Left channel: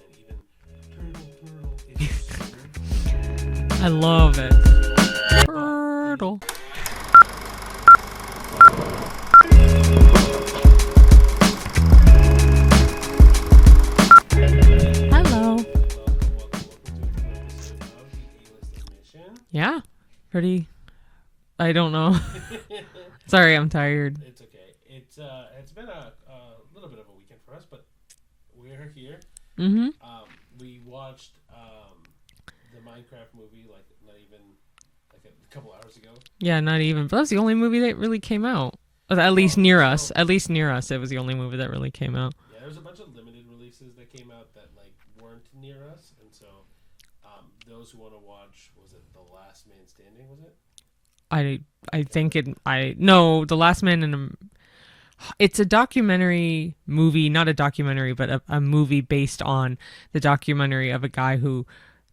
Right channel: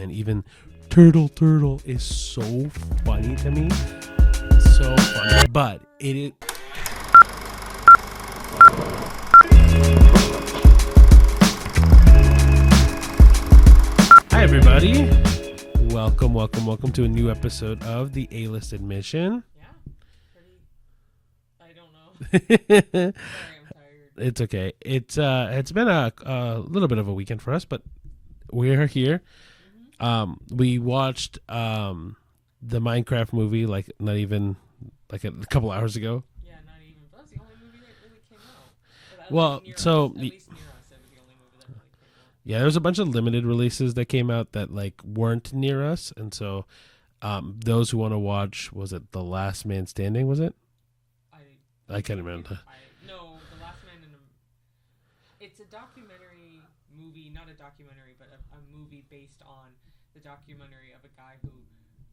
man, even turtle is so funny to me. I love it. So funny, but it Turtle. Hi everybody. Hello. Welcome to a new episode of the A-List Admission. Yeah. Pretty. I don't know. Sorry, I'm tired. It's okay. It's been a little bit of a weekend for us, but we're here. Mm-hmm. We watched the Minecraft movie not even a couple hours ago. Yeah, not even. But that was the only movie that really came out. At least near us. At least near us, it was the only movie that really came out. Yeah, there was a bunch of limited releases that came out that weren't near us, and so those who want to watch, was it The Last Man Standing? Was it? I think it. No, The Last Man in it's a documentary movie, not a documentary, but a movie based on the documentary of a guy who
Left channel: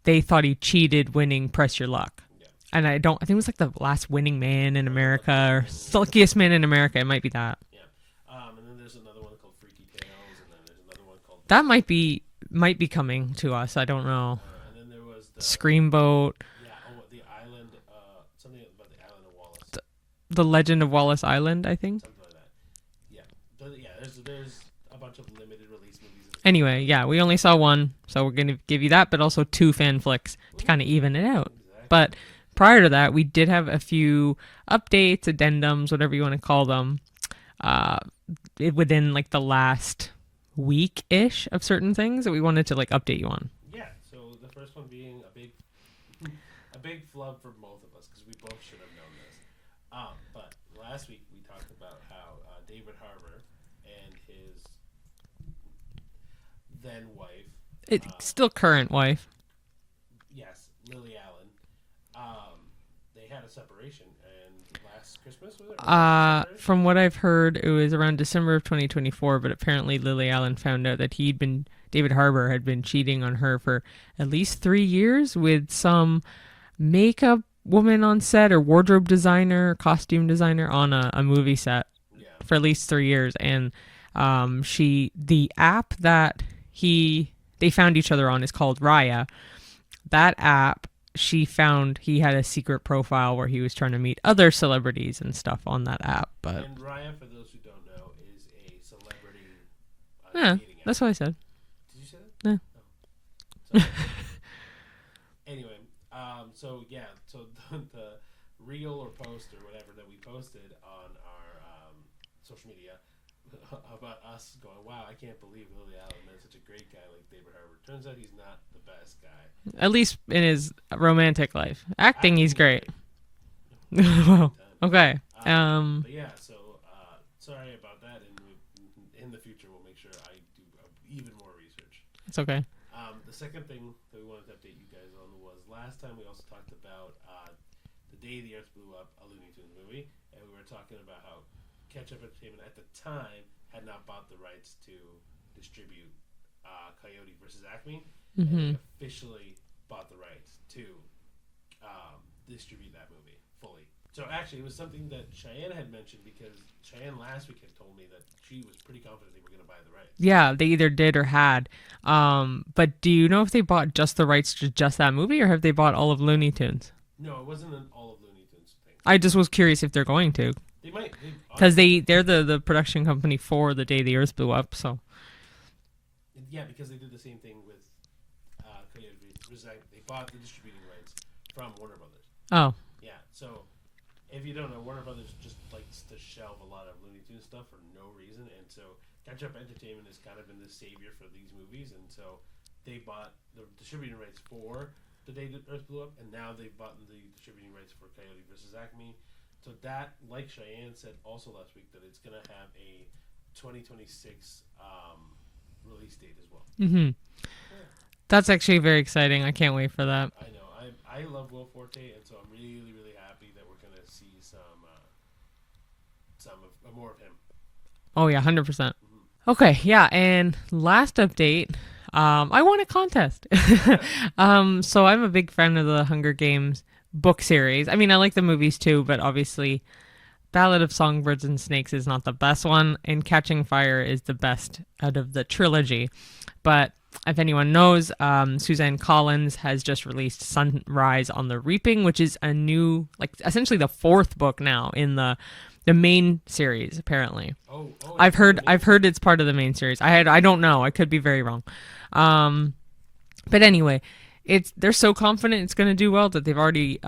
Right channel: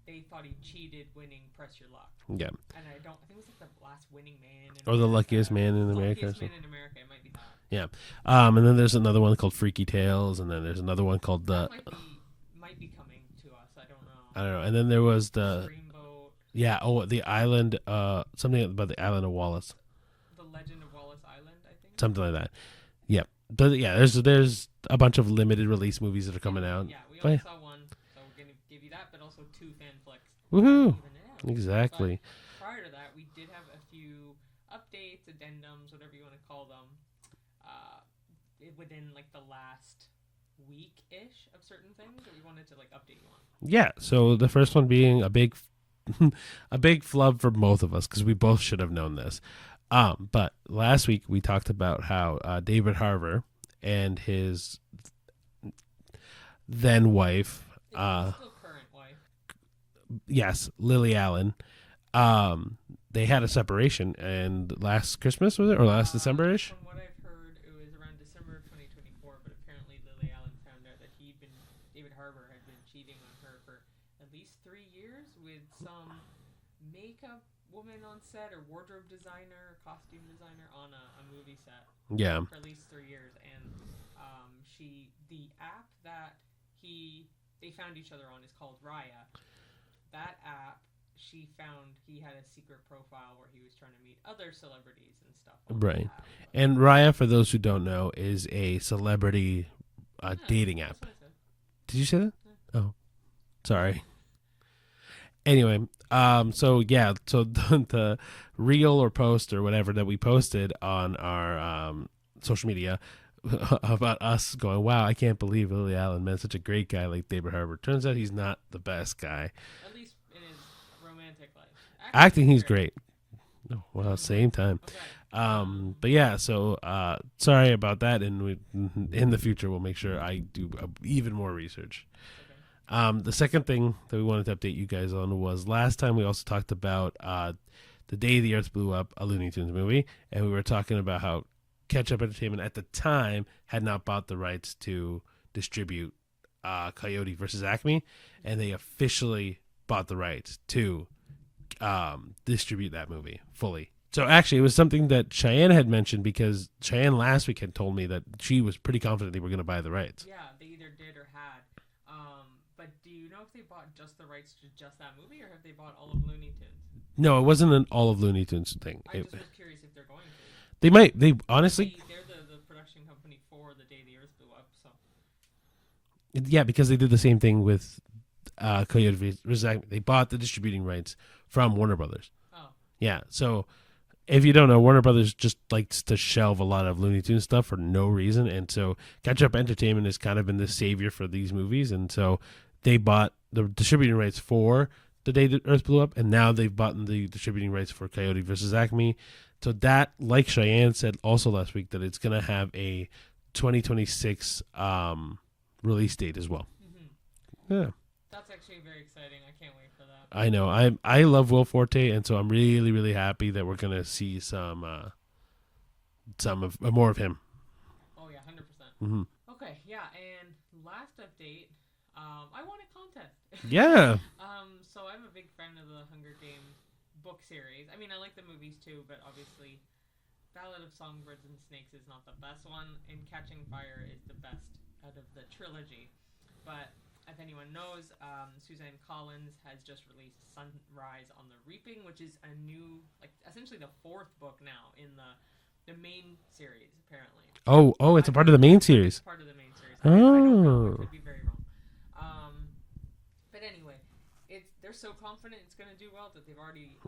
they thought he cheated winning Press Your Luck. Yeah. And I think it was the last winning man in America. The luckiest man in America. It might be that. Yeah. And then there's another one called Freaky Tales, and then there's another one called that might be coming to us. I don't know. And then there was the Screamboat. Yeah. Oh, the island. Something about the island of Wallace. The Legend of Wallace Island, I think. Something like that. Yeah. But yeah, there's a bunch of limited release movies that are coming out. Anyway, yeah, we only saw one, so we're going to give you that, but also 2 fan flicks to kind of even it out. Exactly. But prior to that, we did have a few updates, addendums, whatever you want to call them, within the last week-ish of certain things that we wanted to update you on. Yeah, so the first one being a big flub for both of us because we both should have known this. But last week we talked about how David Harbour and his then wife, still current wife, yes, Lily Allen, they had a separation, and last Christmas, was it, or last December-ish? From what I've heard, it was around December of 2024, but apparently Lily Allen found out that David Harbour had been cheating on her for at least 3 years with some makeup woman on set, or wardrobe designer, costume designer on a movie set. Yeah, for at least 3 years. And the app that they found each other on is called Raya. That app, she found he had a secret profile where he was trying to meet other celebrities and stuff on that app. But and Raya, for those who don't know, is a celebrity dating app. That's what I said. Did you say that? Yeah. Oh, sorry. Anyway, so the reel or post or whatever that we posted on our social media about us going, wow, I can't believe Lily Allen met such a great guy like David Harbour. Turns out he's not the best guy. At least in his romantic life. Acting he's great. No, at the same time. Okay. But yeah, so sorry about that, and in the future we'll make sure I do even more research. It's okay. The second thing that we wanted to update you guys on was last time we also talked about The Day the Earth Blew Up, a Looney Tunes movie, and we were talking about how Ketchup Entertainment at the time had not bought the rights to distribute Coyote versus Acme, and they officially bought the rights to distribute that movie fully. So actually, it was something that Cheyenne had mentioned, because Cheyenne last week had told me that she was pretty confident they were going to buy the rights. Yeah, they either did or had. But do you know if they bought just the rights to just that movie, or have they bought all of Looney Tunes? No, it wasn't an all of Looney Tunes thing. I just was curious if they're going to. They might. Because they're the production company for The Day the Earth Blew Up. So yeah, because they did the same thing with Coyote versus Acme. They bought the distributing rights from Warner Brothers. Oh. Yeah, so if you don't know, Warner Brothers just likes to shelve a lot of Looney Tunes stuff for no reason, and so Ketchup Entertainment has kind of been the savior for these movies, and so they bought the distributing rights for The Day the Earth Blew Up, and now they've bought the distributing rights for Coyote versus Acme. So that, like Cheyenne said also last week, that it's going to have a 2026 release date as well. Mm-hmm. Yeah. That's actually very exciting. I can't wait for that. I know. I love Will Forte, and so I'm really, really happy that we're gonna see some more of him. Oh yeah, 100%. Okay, yeah. And last update, I won a contest. Yeah. So I'm a big fan of the Hunger Games book series. I mean, I like the movies too, but obviously, Ballad of Songbirds and Snakes is not the best one, and Catching Fire is the best out of the trilogy. But if anyone knows, Suzanne Collins has just released Sunrise on the Reaping, which is a new, like essentially the fourth book now in the main series. Apparently, It's I've part of heard the main series. it's part of the main series. I don't know. I could be very wrong. But anyway, they're so confident it's going to do well that they've already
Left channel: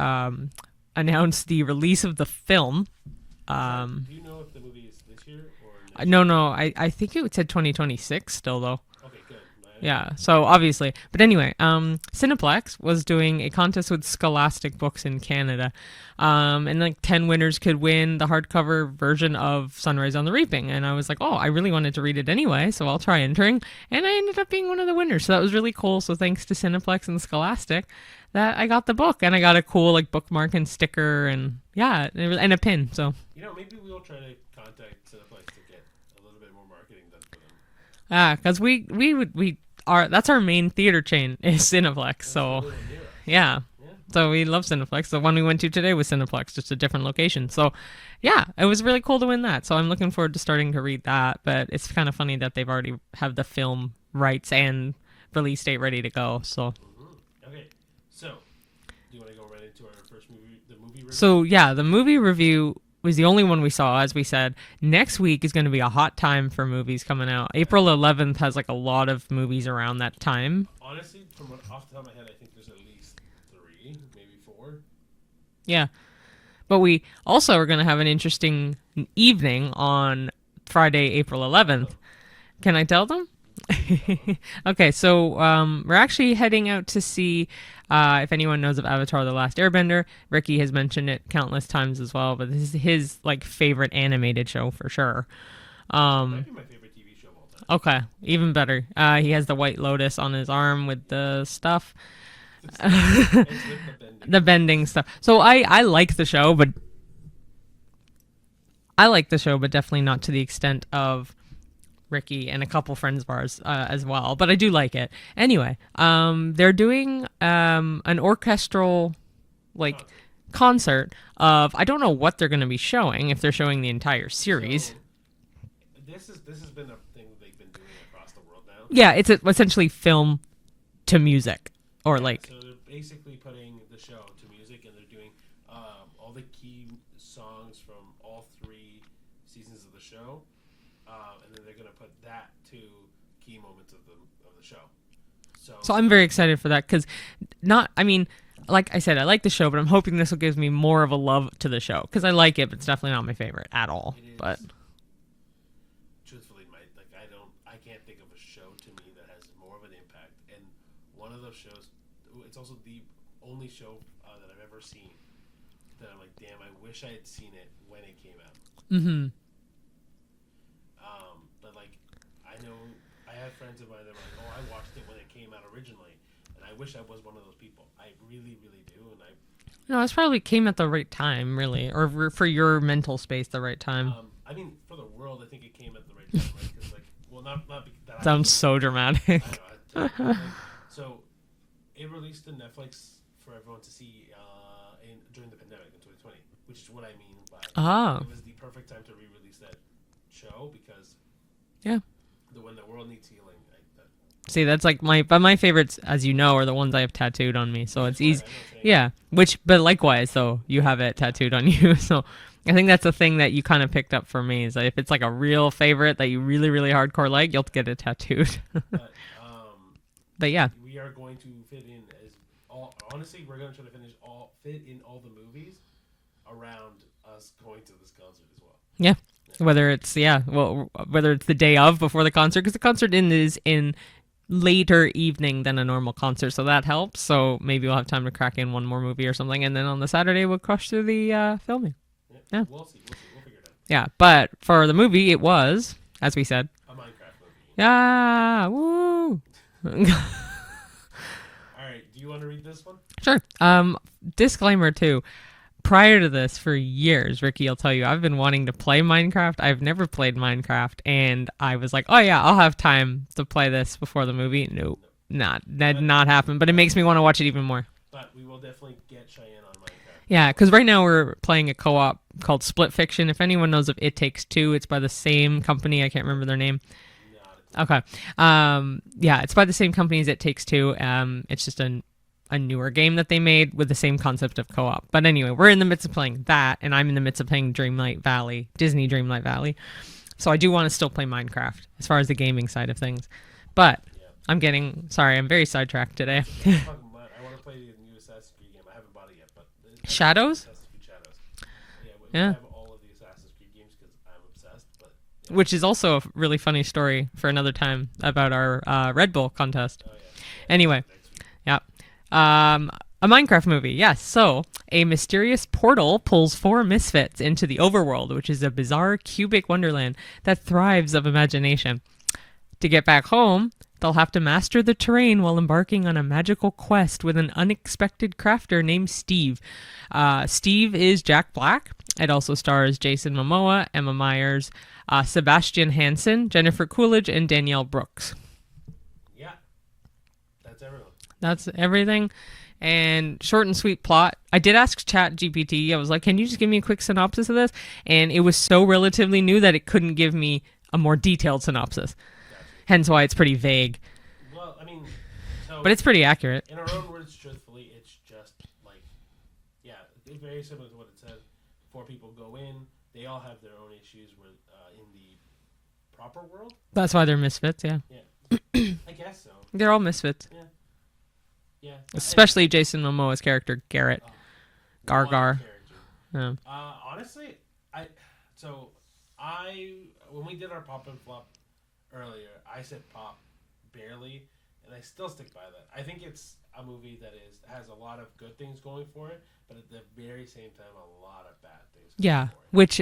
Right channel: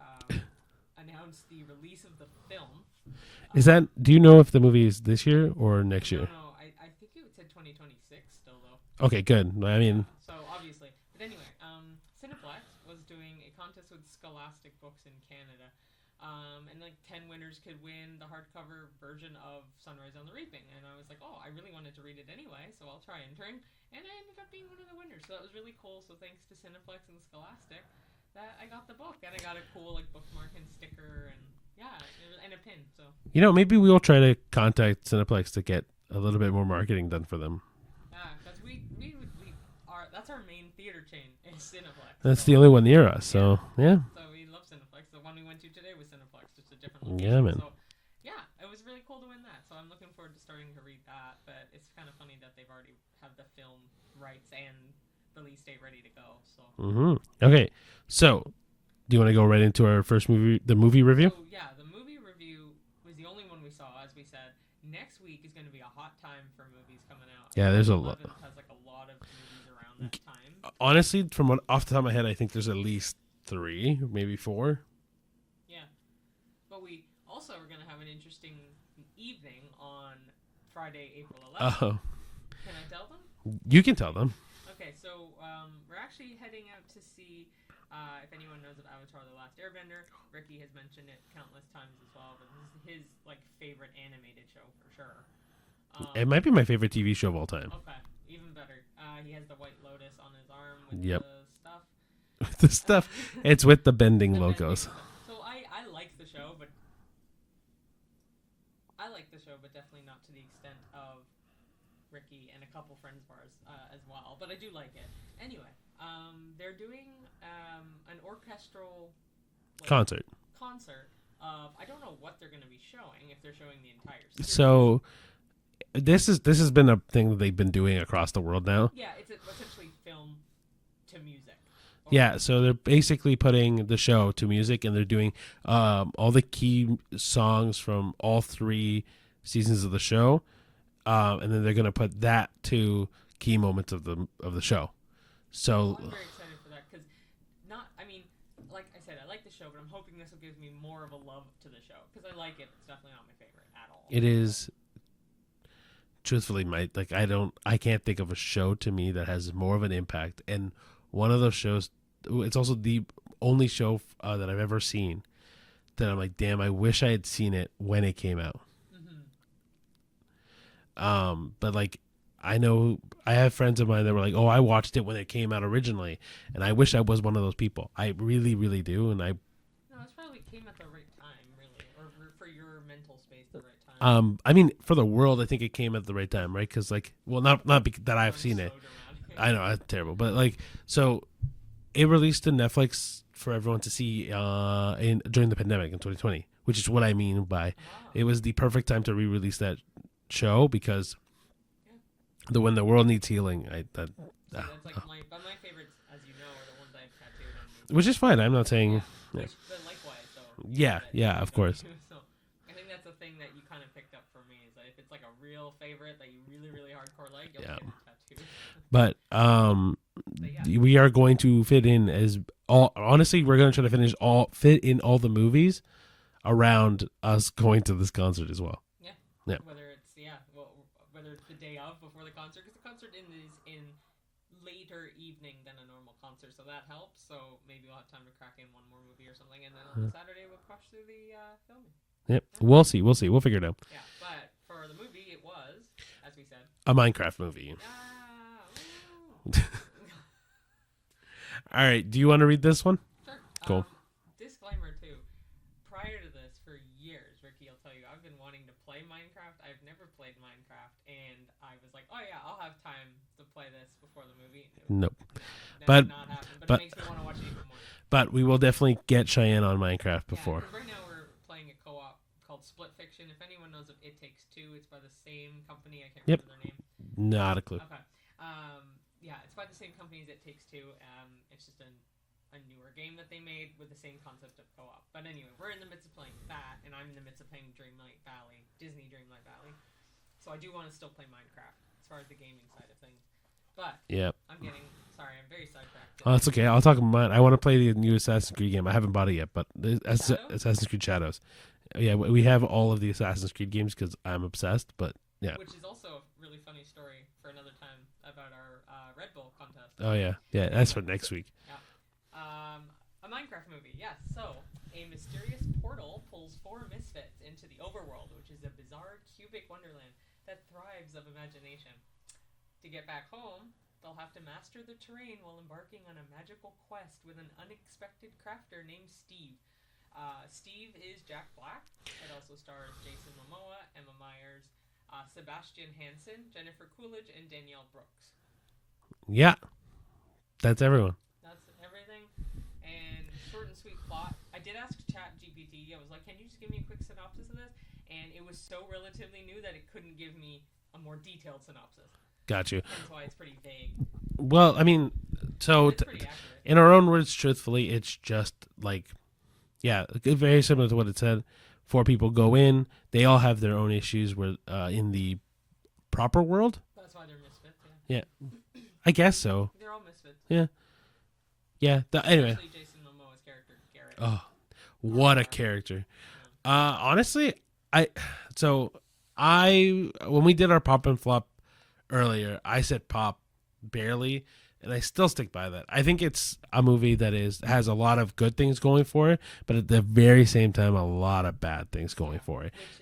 announced the release of the film. Is that? Do you know if the movie is this year or next year? No. I think it said 2026 still though. Okay, good. I mean, Yeah. So obviously, but anyway, Cineplex was doing a contest with Scholastic Books in Canada, and like 10 winners could win the hardcover version of Sunrise on the Reaping. And I was like, oh, I really wanted to read it anyway, so I'll try entering. And I ended up being one of the winners. So that was really cool. So thanks to Cineplex and Scholastic, that I got the book, and I got a cool like bookmark and sticker, and and a pin. So maybe we'll try to contact Cineplex to get a little bit more marketing done for them. because that's our main theater chain is Cineplex. That's so the only one near us. So, yeah. yeah. So we love Cineplex. The one we went to today was Cineplex, just a different location. man. So yeah, it was really cool to win that. So I'm looking forward to starting to read that. But it's kind of funny that they've already have the film rights and release date ready to go. So Okay, so do you want to go right into our first movie, the movie review? So yeah, the movie review was the only one we saw. As we said, next week is going to be a hot time for movies coming out. Yeah, April there's 11th has like a lot of movies around that time. Honestly, off the top of my head, I think there's at least 3, maybe 4. Yeah. But we also are going to have an interesting evening on Friday, April 11th. Oh. Can I tell them? You can tell them. Okay, so we're actually heading out to see, if anyone knows of Avatar: The Last Airbender. Ricky has mentioned it countless times as well, but this is his like favorite animated show for sure. It might be my favorite TV show of all time. Okay, even better. He has the White Lotus on his arm with the stuff. The stuff. It's with the bending. The logos. bending stuff. So I like the show, but definitely not to the extent of Ricky and a couple friends of ours as well. But I do like it. Anyway, they're doing an orchestral concert of, I don't know what they're going to be showing, if they're showing the entire series. So this has been a thing that they've been doing across the world now. Yeah, it's essentially film to music. So they're basically putting the show to music, and they're doing all the key songs from all 3 seasons of the show, and then they're gonna put that to key moments of the show. So I'm very excited for that because, like I said, I like the show, but I'm hoping this will give me more of a love to the show because I like it, but it's definitely not my favorite at all. it is. Truthfully, I can't think of a show to me that has more of an impact, and one of those shows, it's also the only show that I've ever seen that I'm like, damn, I wish I had seen it when it came out. But like, I know I have friends of mine that were like, oh, I watched it when it came out originally, and I wish I was one of those people. I really, really do, and No, it's probably came at the right time, really, or for your mental space, the right time. I mean, for the world, I think it came at the right time, right? Because like, well, not that I've Sounds seen so it. dramatic. I know, that's terrible, but like, so it released to Netflix for everyone to see during the pandemic in 2020, which is what I mean by it was the perfect time to re-release that show because when the world needs healing, See, that's like my favorites, as you know, are the ones I have tattooed on me. So which is fine. I'm not saying but likewise, though, you have it tattooed on you. So I think that's the thing that you kind of picked up for me is that if it's like a real favorite that you really, really hardcore like, you'll get it tattooed. But yeah, we are going to fit in honestly, we're going to try to fit in all the movies around us going to this concert as well. Yeah. Whether it's the day of before the concert, because the concert is in later evening than a normal concert, so that helps. So maybe we'll have time to crack in one more movie or something, and then on the Saturday we'll crush through the filming. Yep. Yeah. We'll see. We'll figure it out. Yeah, but for the movie, it was, as we said, a Minecraft movie. Ah, woo! All right. Do you want to read this one? Sure. Disclaimer too. Prior to this, for years, Ricky, I'll tell you, I've been wanting to play Minecraft. I've never played Minecraft, and I was like, oh yeah, I'll have time to play this before the movie. Nope. That did not happen, but it makes me want to watch it even more. But we will definitely get Cheyenne on Minecraft. Yeah, because right now we're playing a co-op called Split Fiction. If anyone knows of It Takes Two, it's by the same company. I can't remember their name. Not a clue. Okay. Yeah, it's by the same company as It Takes Two. It's just a newer game that they made with the same concept of co-op. But anyway, we're in the midst of playing that, and I'm in the midst of playing Disney Dreamlight Valley. So I do want to still play Minecraft as far as the gaming side of things. But Yeah. I'm very sidetracked today. Oh, that's okay. I'll talk about mine. I want to play the new Assassin's Creed game. I haven't bought it yet, but Shadows? Assassin's Creed Shadows. Yeah, we have all of the Assassin's Creed games because I'm obsessed. But yeah. Which is also a really funny story for another time about our Red Bull contest. Oh yeah. Anyway, that's for next week. Yeah. A Minecraft movie, yes. So, a mysterious portal pulls 4 misfits into the overworld, which is a bizarre cubic wonderland that thrives of imagination. To get back home, they'll have to master the terrain while embarking on a magical quest with an unexpected crafter named Steve. Steve is Jack Black. It also stars Jason Momoa, Emma Myers, Sebastian Hansen, Jennifer Coolidge, and Danielle Brooks. Yeah. That's everyone. That's everything. And short and sweet plot. I did ask ChatGPT. I was like, can you just give me a quick synopsis of this? And it was so relatively new that it couldn't give me a more detailed synopsis. Got you. Hence why it's pretty vague. Well, I mean, but it's pretty accurate. In our own words, truthfully, it's just like, yeah, very similar to what it said. 4 people go in. They all have their own issues in the proper world. That's why they're misfits, yeah. Yeah. I guess so. They're all misfits. Yeah. Yeah. Especially Jason Momoa's character, Garrett. Oh, Gar what Gar. a character. Yeah. Honestly, when we did our pop and flop earlier, I said pop barely, and I still stick by that. I think it's a movie that has a lot of good things going for it, but at the very same time, a lot of bad things going for it. It's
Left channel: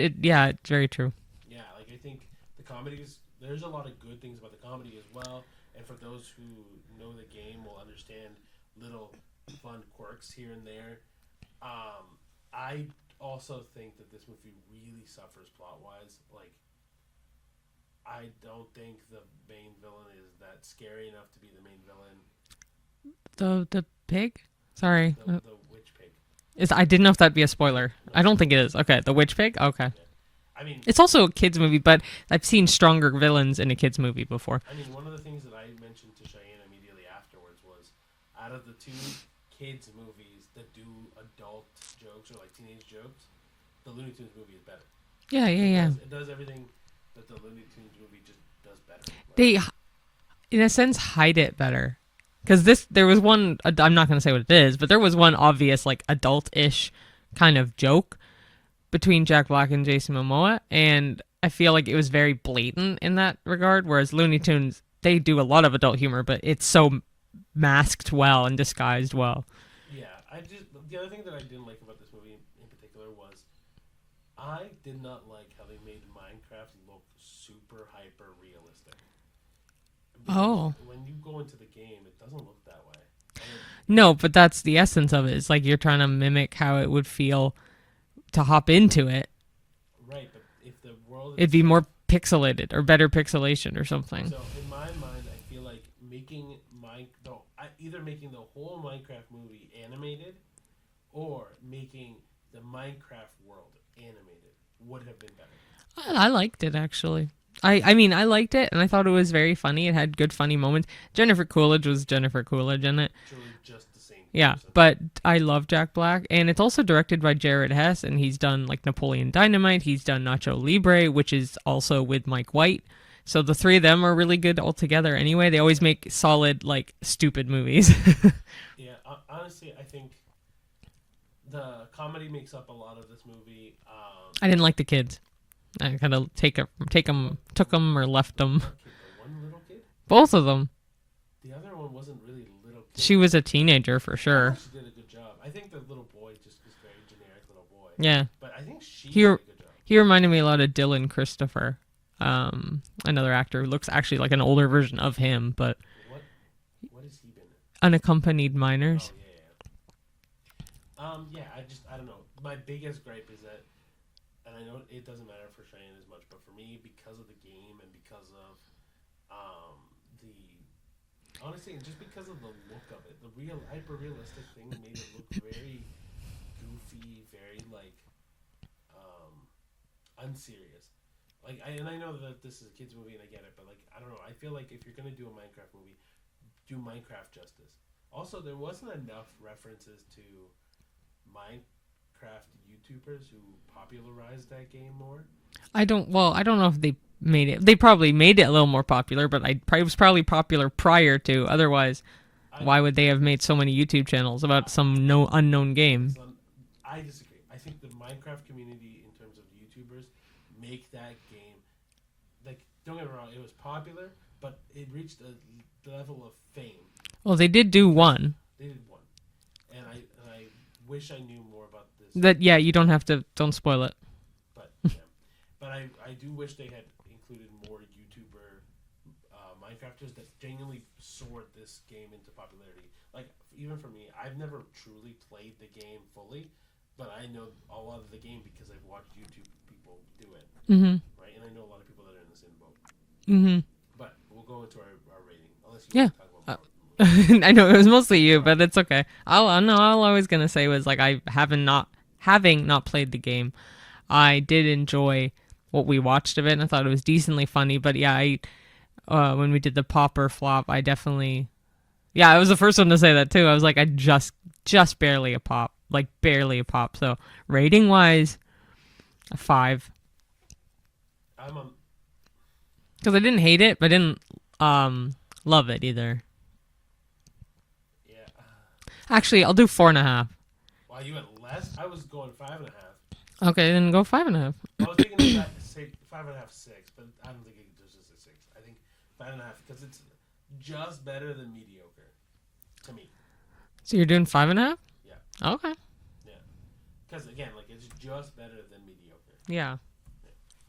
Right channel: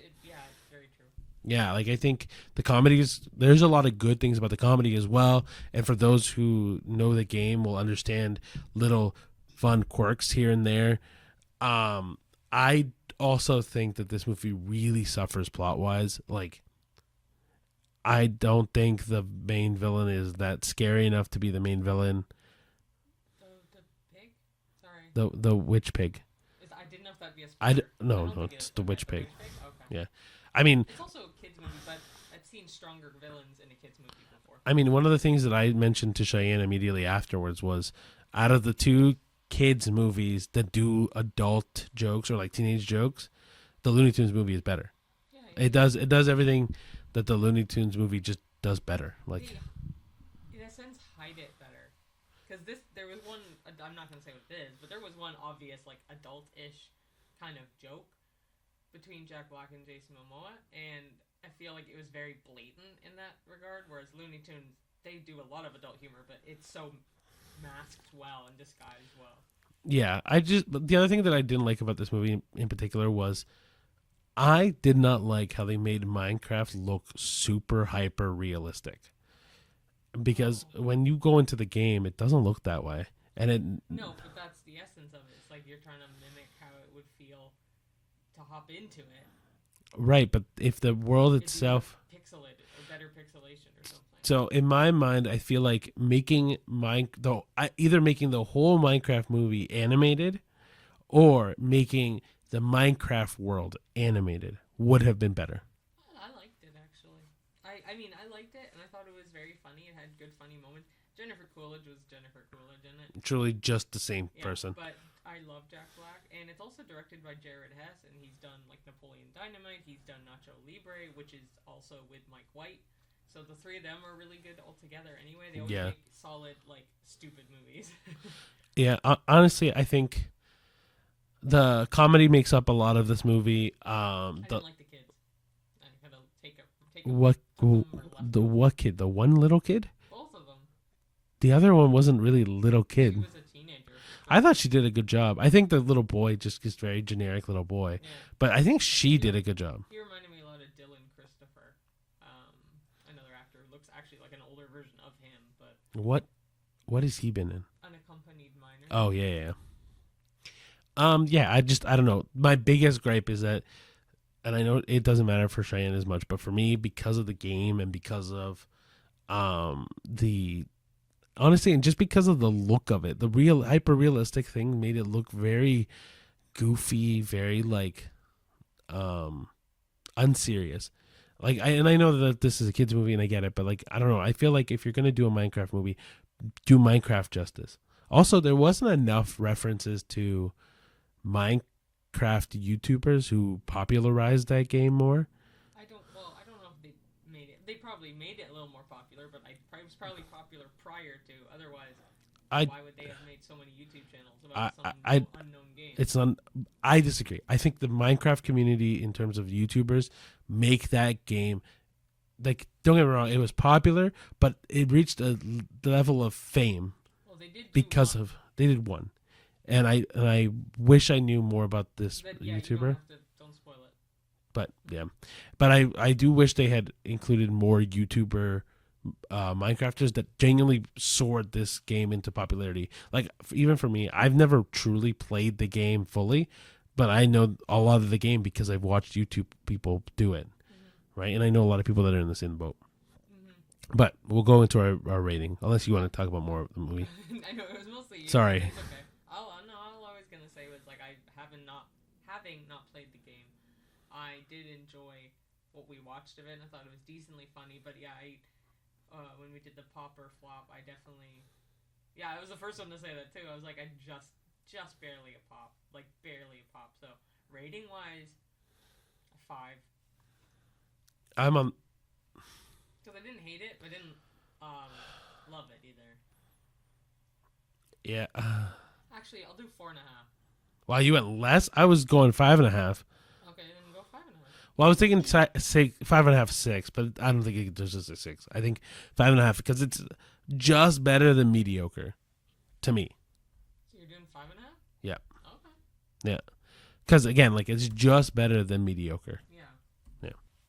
very true. Yeah, like I think the comedies, there's a lot of good things about the comedy as well. And for those who know the game will understand little fun quirks here and there. I also think that this movie really suffers plot-wise. Like, I don't think the main villain is that scary enough to be the main villain. The pig? Sorry. The witch pig. I didn't know if that'd be a spoiler. I don't think it is. Okay, the witch pig? Okay. Yeah. I mean, it's also a kids movie, but I've seen stronger villains in a kids movie before. I mean, one of the things that I mentioned to Cheyenne immediately afterwards was, out of the 2 kids movies that do adult jokes or like teenage jokes, the Looney Tunes movie is better. Yeah. It does everything that the Looney Tunes movie just does better. Like, they, in a sense, hide it better. Because there was one, I'm not going to say what it is, but there was one obvious, like, adult-ish kind of joke between Jack Black and Jason Momoa, and I feel like it was very blatant in that regard, whereas Looney Tunes, they do a lot of adult humor, but it's so masked well and disguised well. Yeah, the other thing that I didn't like about this movie in particular was I did not like how they made Minecraft look super hyper realistic. Because when you go into the game, it doesn't look that way. No, but that's the essence of it. It's like you're trying to mimic how it would feel to hop into it. Right, but if the world itself, it'd be more pixelated or better pixelation or something. So in my mind, I feel like either making the whole Minecraft movie animated or making the Minecraft world animated would have been better. I liked it, actually. I mean, I liked it, and I thought it was very funny. It had good, funny moments. Jennifer Coolidge was Jennifer Coolidge in it. Truly just the same person. Yeah, but I love Jack Black, and it's also directed by Jared Hess, and he's done, like, Napoleon Dynamite. He's done Nacho Libre, which is also with Mike White. So the 3 of them are really good all together anyway. They always make solid, like, stupid movies. Yeah, honestly, I think the comedy makes up a lot of this movie. I didn't like the kids. I kind of took them or left them. What kid? The one little kid? Both of them. The other one wasn't really a little kid. She was a teenager for sure. I thought she did a good job. I think the little boy just is very generic little boy. Yeah. But I think she did a good job. He reminded me a lot of Dylan Christopher, another actor who looks actually like an older version of him. But what has he been in? Unaccompanied Minors. Oh, yeah. Yeah, I don't know. My biggest gripe is that, and I know it doesn't matter for Cheyenne as much, but for me, because of the game and because of honestly, and just because of the look of it, the real hyper realistic thing made it look very goofy, very like unserious. Like, and I know that this is a kids movie, and I get it, but like, I don't know. I feel like if you're gonna do a Minecraft movie, do Minecraft justice. Also, there wasn't enough references to Minecraft YouTubers who popularized that game more. I don't know if they made it. They probably made it a little more popular, but it was probably popular prior to. Otherwise, why would they have made so many YouTube channels about unknown game? I disagree. I think the Minecraft community, in terms of YouTubers, make that game, like, don't get me wrong, it was popular, but it reached a level of fame. Well, they did do one. They did one, and I wish I knew more about this. You don't spoil it. But yeah, but I do wish they had included more YouTuber Minecrafters that genuinely soared this game into popularity. Like, even for me, I've never truly played the game fully, but I know a lot of the game because I've watched YouTube people do it, right? And I know a lot of people that are in the same boat. Mm-hmm. But we'll go into our rating, unless you want to talk about more of the movie. I know it was mostly you, but it's okay. All I was gonna say was, like, having not played the game, I did enjoy what we watched of it, and I thought it was decently funny. But yeah, when we did the pop or flop, I definitely, I was the first one to say that too. I was like, I just barely a pop, like barely a pop. So rating wise, a 5. I'm on. Because I didn't hate it, but I didn't love it either. Yeah. Actually, I'll do 4.5. Wow, you went less? I was going 5.5. Okay, then go 5.5. Well, I was thinking say 5.5, 6, but I don't think there's just a 6. I think 5.5 because it's just better than mediocre, to me. So you're doing 5.5? Yeah. Okay. Yeah. Because again, like, it's just better than mediocre. Yeah.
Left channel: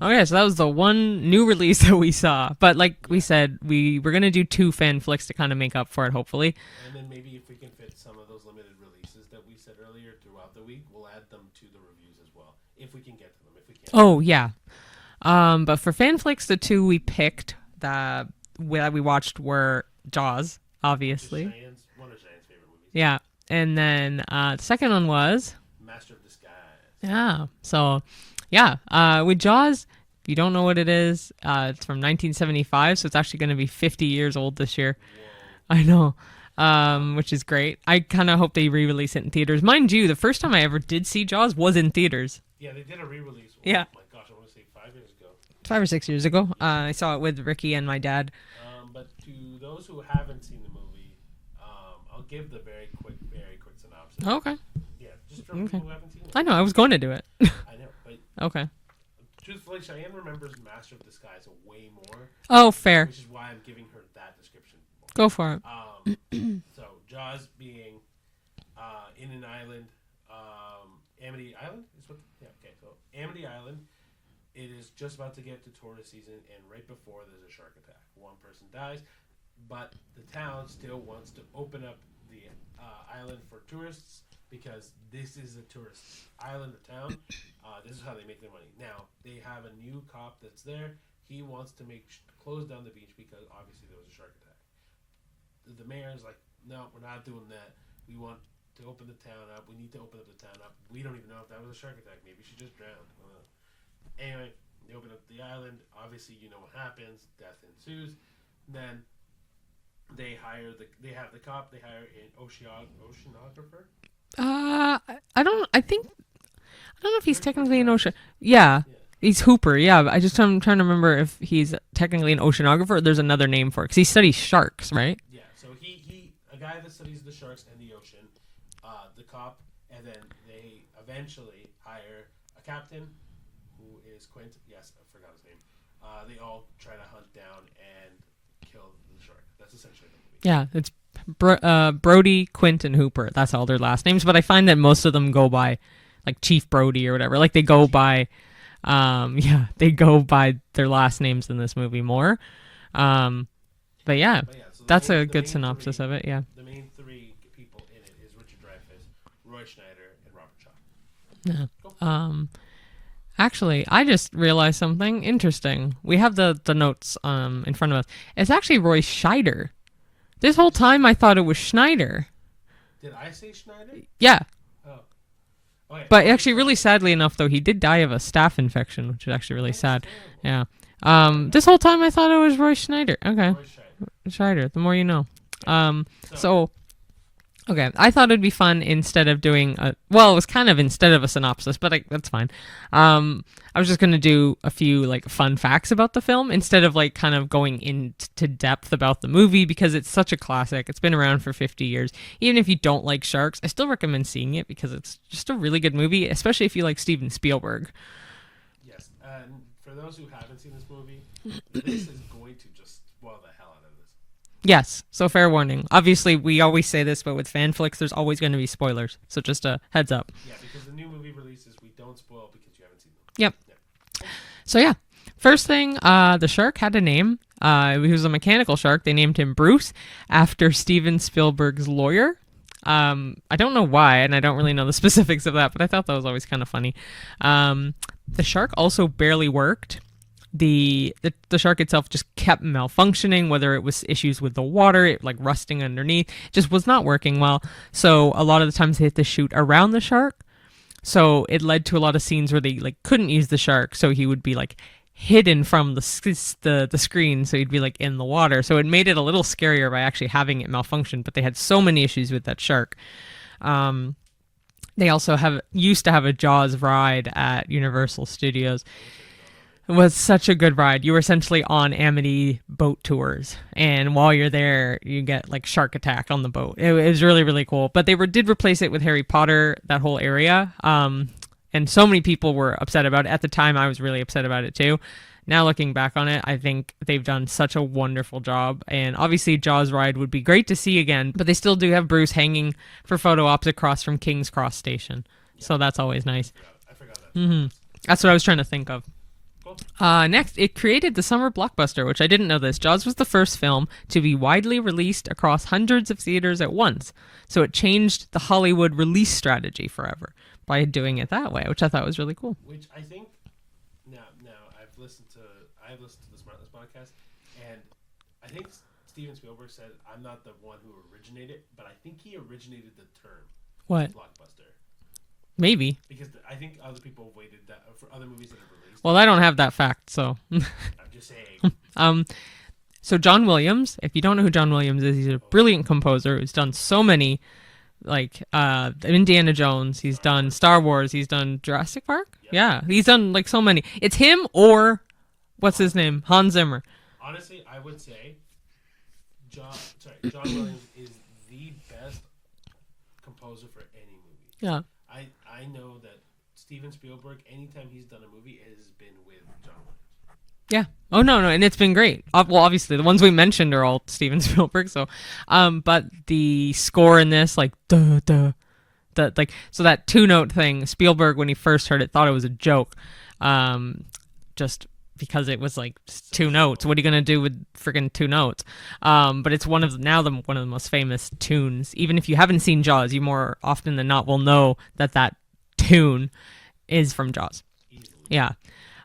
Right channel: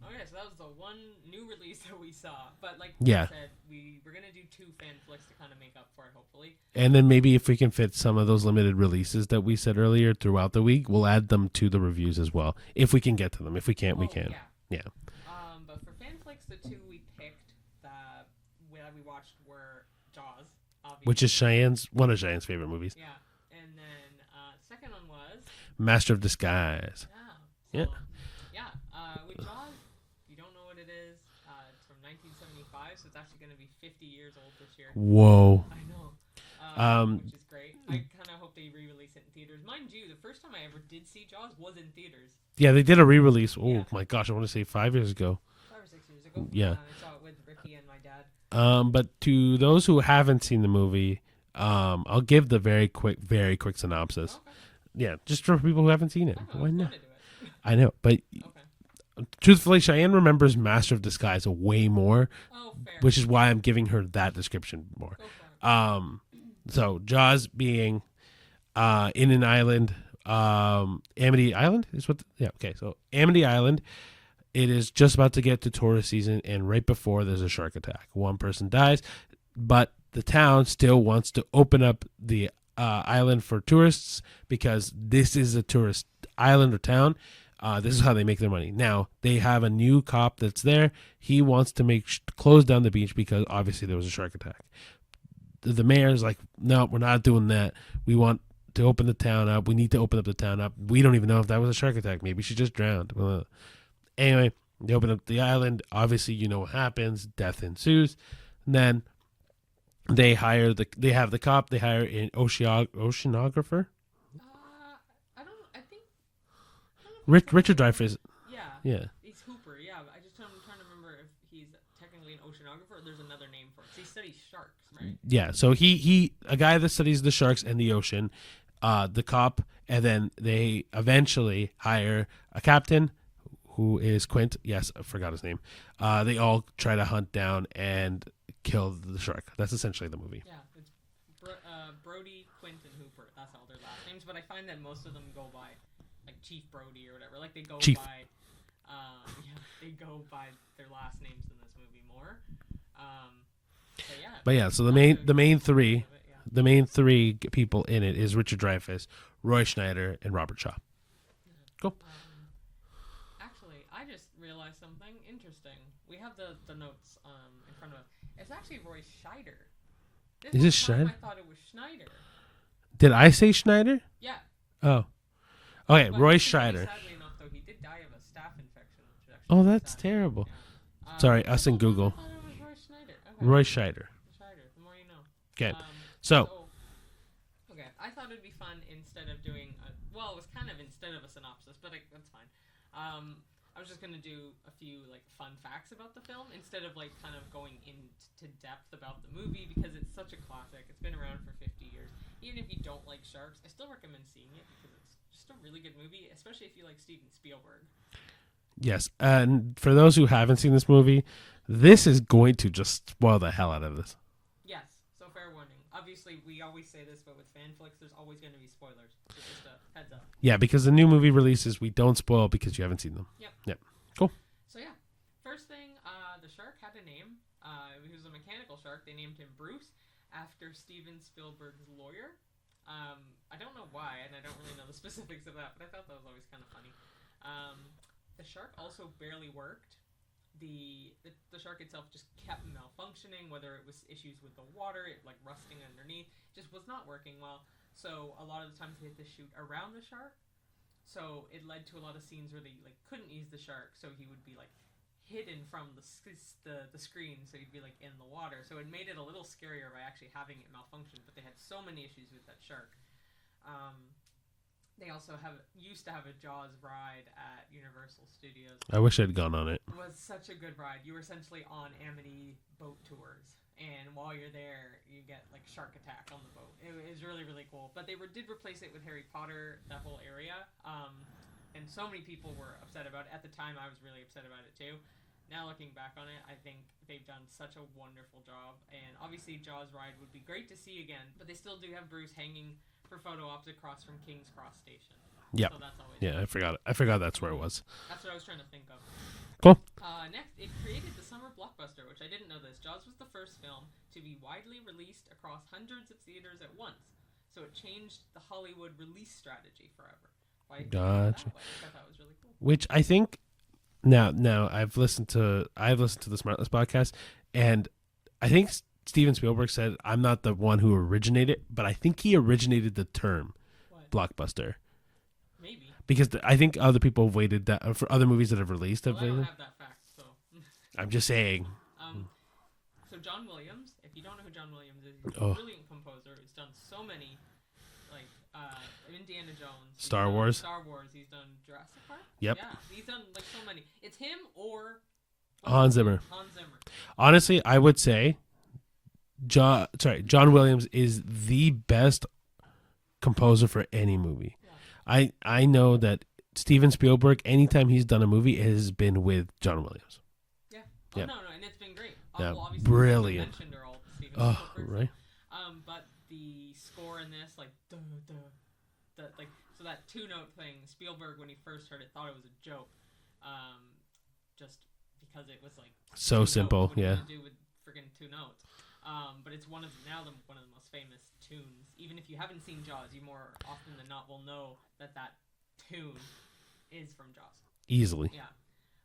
Okay, so that was the one new release that we saw. But like we said, we're going to do 2 fan flicks to kind of make up for it, hopefully. And then maybe if we can fit some of those limited releases that we said earlier throughout the week, we'll add them to the reviews as well. If we can get to them. If we can't, we can't. Yeah. Yeah. But for fan flicks, the 2 we picked that we watched were Jaws, obviously. Which is one of Cheyenne's favorite movies. Yeah. And then the second one was Master of Disguise. Yeah. So... Yeah, with Jaws, if you don't know what it is, it's from 1975, so it's actually going to be 50 years old this year. Whoa. I know, which is great. I kind of hope they re-release it in theaters. Mind you, the first time I ever did see Jaws was in theaters. Yeah, they did a re-release. Oh, yeah. My gosh, I want to say 5 years ago. 5 or 6 years ago. Yeah. I saw it with Ricky and my dad. But to those who haven't seen the movie... I'll give the very quick synopsis. Okay. Yeah, just for people who haven't seen it. I know, I was going to do it. I know, but okay. Truthfully, Cheyenne remembers Master of Disguise way more. Oh, fair. Which is why I'm giving her that description more. Go for it. So Jaws being in an island, Amity Island is what? Okay. So Amity Island, it is just about to get to tourist season, and right before there's a shark attack, one person dies. But the town still wants to open up the island for tourists because this is a tourist island or town. This is how they make their money. Now, they have a new cop that's there. He wants to close down the beach because obviously there was a shark attack. The mayor's like, no, we're not doing that. We want to open the town up. We need to open up the town up. We don't even know if that was a shark attack. Maybe she just drowned. Anyway, they open up the island. Obviously, you know what happens. Death ensues. And then... They have the cop. They hire an oceanographer. I don't know if he's technically Richard an Dreyfuss. Yeah. Yeah. He's Hooper. Yeah. I'm trying to remember if he's technically an oceanographer or there's another name for it because he studies sharks, right? Yeah. So he a guy that studies the sharks and the ocean, the cop, and then they eventually hire a captain who is Quint. Yes, I forgot his name. They all try to hunt down and kill the shark. That's essentially the movie. Yeah, it's Brody, Quint, and Hooper. That's all their last names. But I find that most of them go by like Chief Brody or whatever. Like they go by, they go by their last names in this movie more. So the main three of it. Yeah, the main 3 people in it is Richard Dreyfuss, Roy Schneider, and Robert Shaw. Yeah. Cool. Actually, I just realized something interesting. We have the notes in front of us. It's actually Roy Scheider. This whole time I thought it was Schneider. Did I say Schneider? Yeah. Oh. Okay, But Roy actually, really Scheider. sadly enough, though, he did die of a staph infection, which is actually really that's sad. terrible. Yeah. Sorry, This I whole said time I Google. thought it was Roy Schneider. Okay. Roy Scheider. Schneider. The more you know. Okay. So, okay, I thought it'd be fun instead of doing it was kind of instead of a synopsis, but that's fine. I was just going to do a few like fun facts about the film instead of like kind of going into depth about the movie because it's such a classic. It's been around for 50 years. Even if you don't like sharks, I still recommend seeing it because it's just a really good movie, especially if you like Steven Spielberg. Yes, and for those who haven't seen this movie, this is going to just spoil the hell out of this. Yes, so fair warning. Obviously, we always say this, but with fan flicks, there's always going to be spoilers. So just a heads up. Yeah, because the new movie releases, we don't spoil because you haven't seen them. Yep. Cool. So yeah, first thing, the shark had a name. He was a mechanical shark. They named him Bruce after Steven Spielberg's lawyer. I don't know why, and I don't really know the specifics of that, but I thought that was always kind of funny. The shark also barely worked. The shark itself just kept malfunctioning, whether it was issues with the water, it like rusting underneath, just was not working well. So a lot of the times they had to shoot around the shark. So it led to a lot of scenes where they like couldn't use the shark, so he would be like hidden from the screen, so he'd be like in the water. So it made it a little scarier by actually having it malfunction. But they had so many issues with that shark. They also used to have a Jaws ride at Universal Studios. I wish I'd gone on it. It was such a good ride. You were essentially on Amity boat tours, and while you're there, you get like shark attack on the boat. It was really, really cool. But they did replace it with Harry Potter, that whole area. And so many people were upset about it. At the time, I was really upset about it too. Now looking back on it, I think they've done such a wonderful job. And obviously Jaws ride would be great to see again, but they still do have Bruce hanging for photo ops across from King's Cross Station. Yeah. So that's always nice. I forgot that's where it was. That's what I was trying to think of. Cool. Next, it created the summer blockbuster, which I didn't know this. Jaws was the first film to be widely released across hundreds of theaters at once. So it changed the Hollywood release strategy forever by doing it that way, which I thought was really cool. Which I think now I've listened to the Smartless podcast, and I think Steven Spielberg said I'm not the one who originated, but I think he originated the term What? blockbuster. Maybe. Because I think other people have waited that for other movies that have released. Well, I don't have that fact, so. I'm just saying. So John Williams, if you don't know who John Williams is, he's a brilliant composer who's done so many, like Indiana Jones. He's done Star Wars. He's done Jurassic Park. Yep. Yeah, he's done like so many. It's him or what's his name? Hans Zimmer. Honestly, I would say John Williams is the best composer for any movie. Yeah. I know that Steven Spielberg, anytime he's done a movie, it has been with John Williams. Yeah. Oh no, and it's been great. Yeah, well, obviously the ones we mentioned are all Steven Spielberg. Right. So, but the score in this, like so that 2-note thing, Spielberg when he first heard it thought it was a joke, just because it was like So 2 simple, notes. What are you gonna do with friggin' 2 notes? But it's one of the most famous tunes. Even if you haven't seen Jaws, you more often than not will know that tune is from Jaws. Easily. Yeah.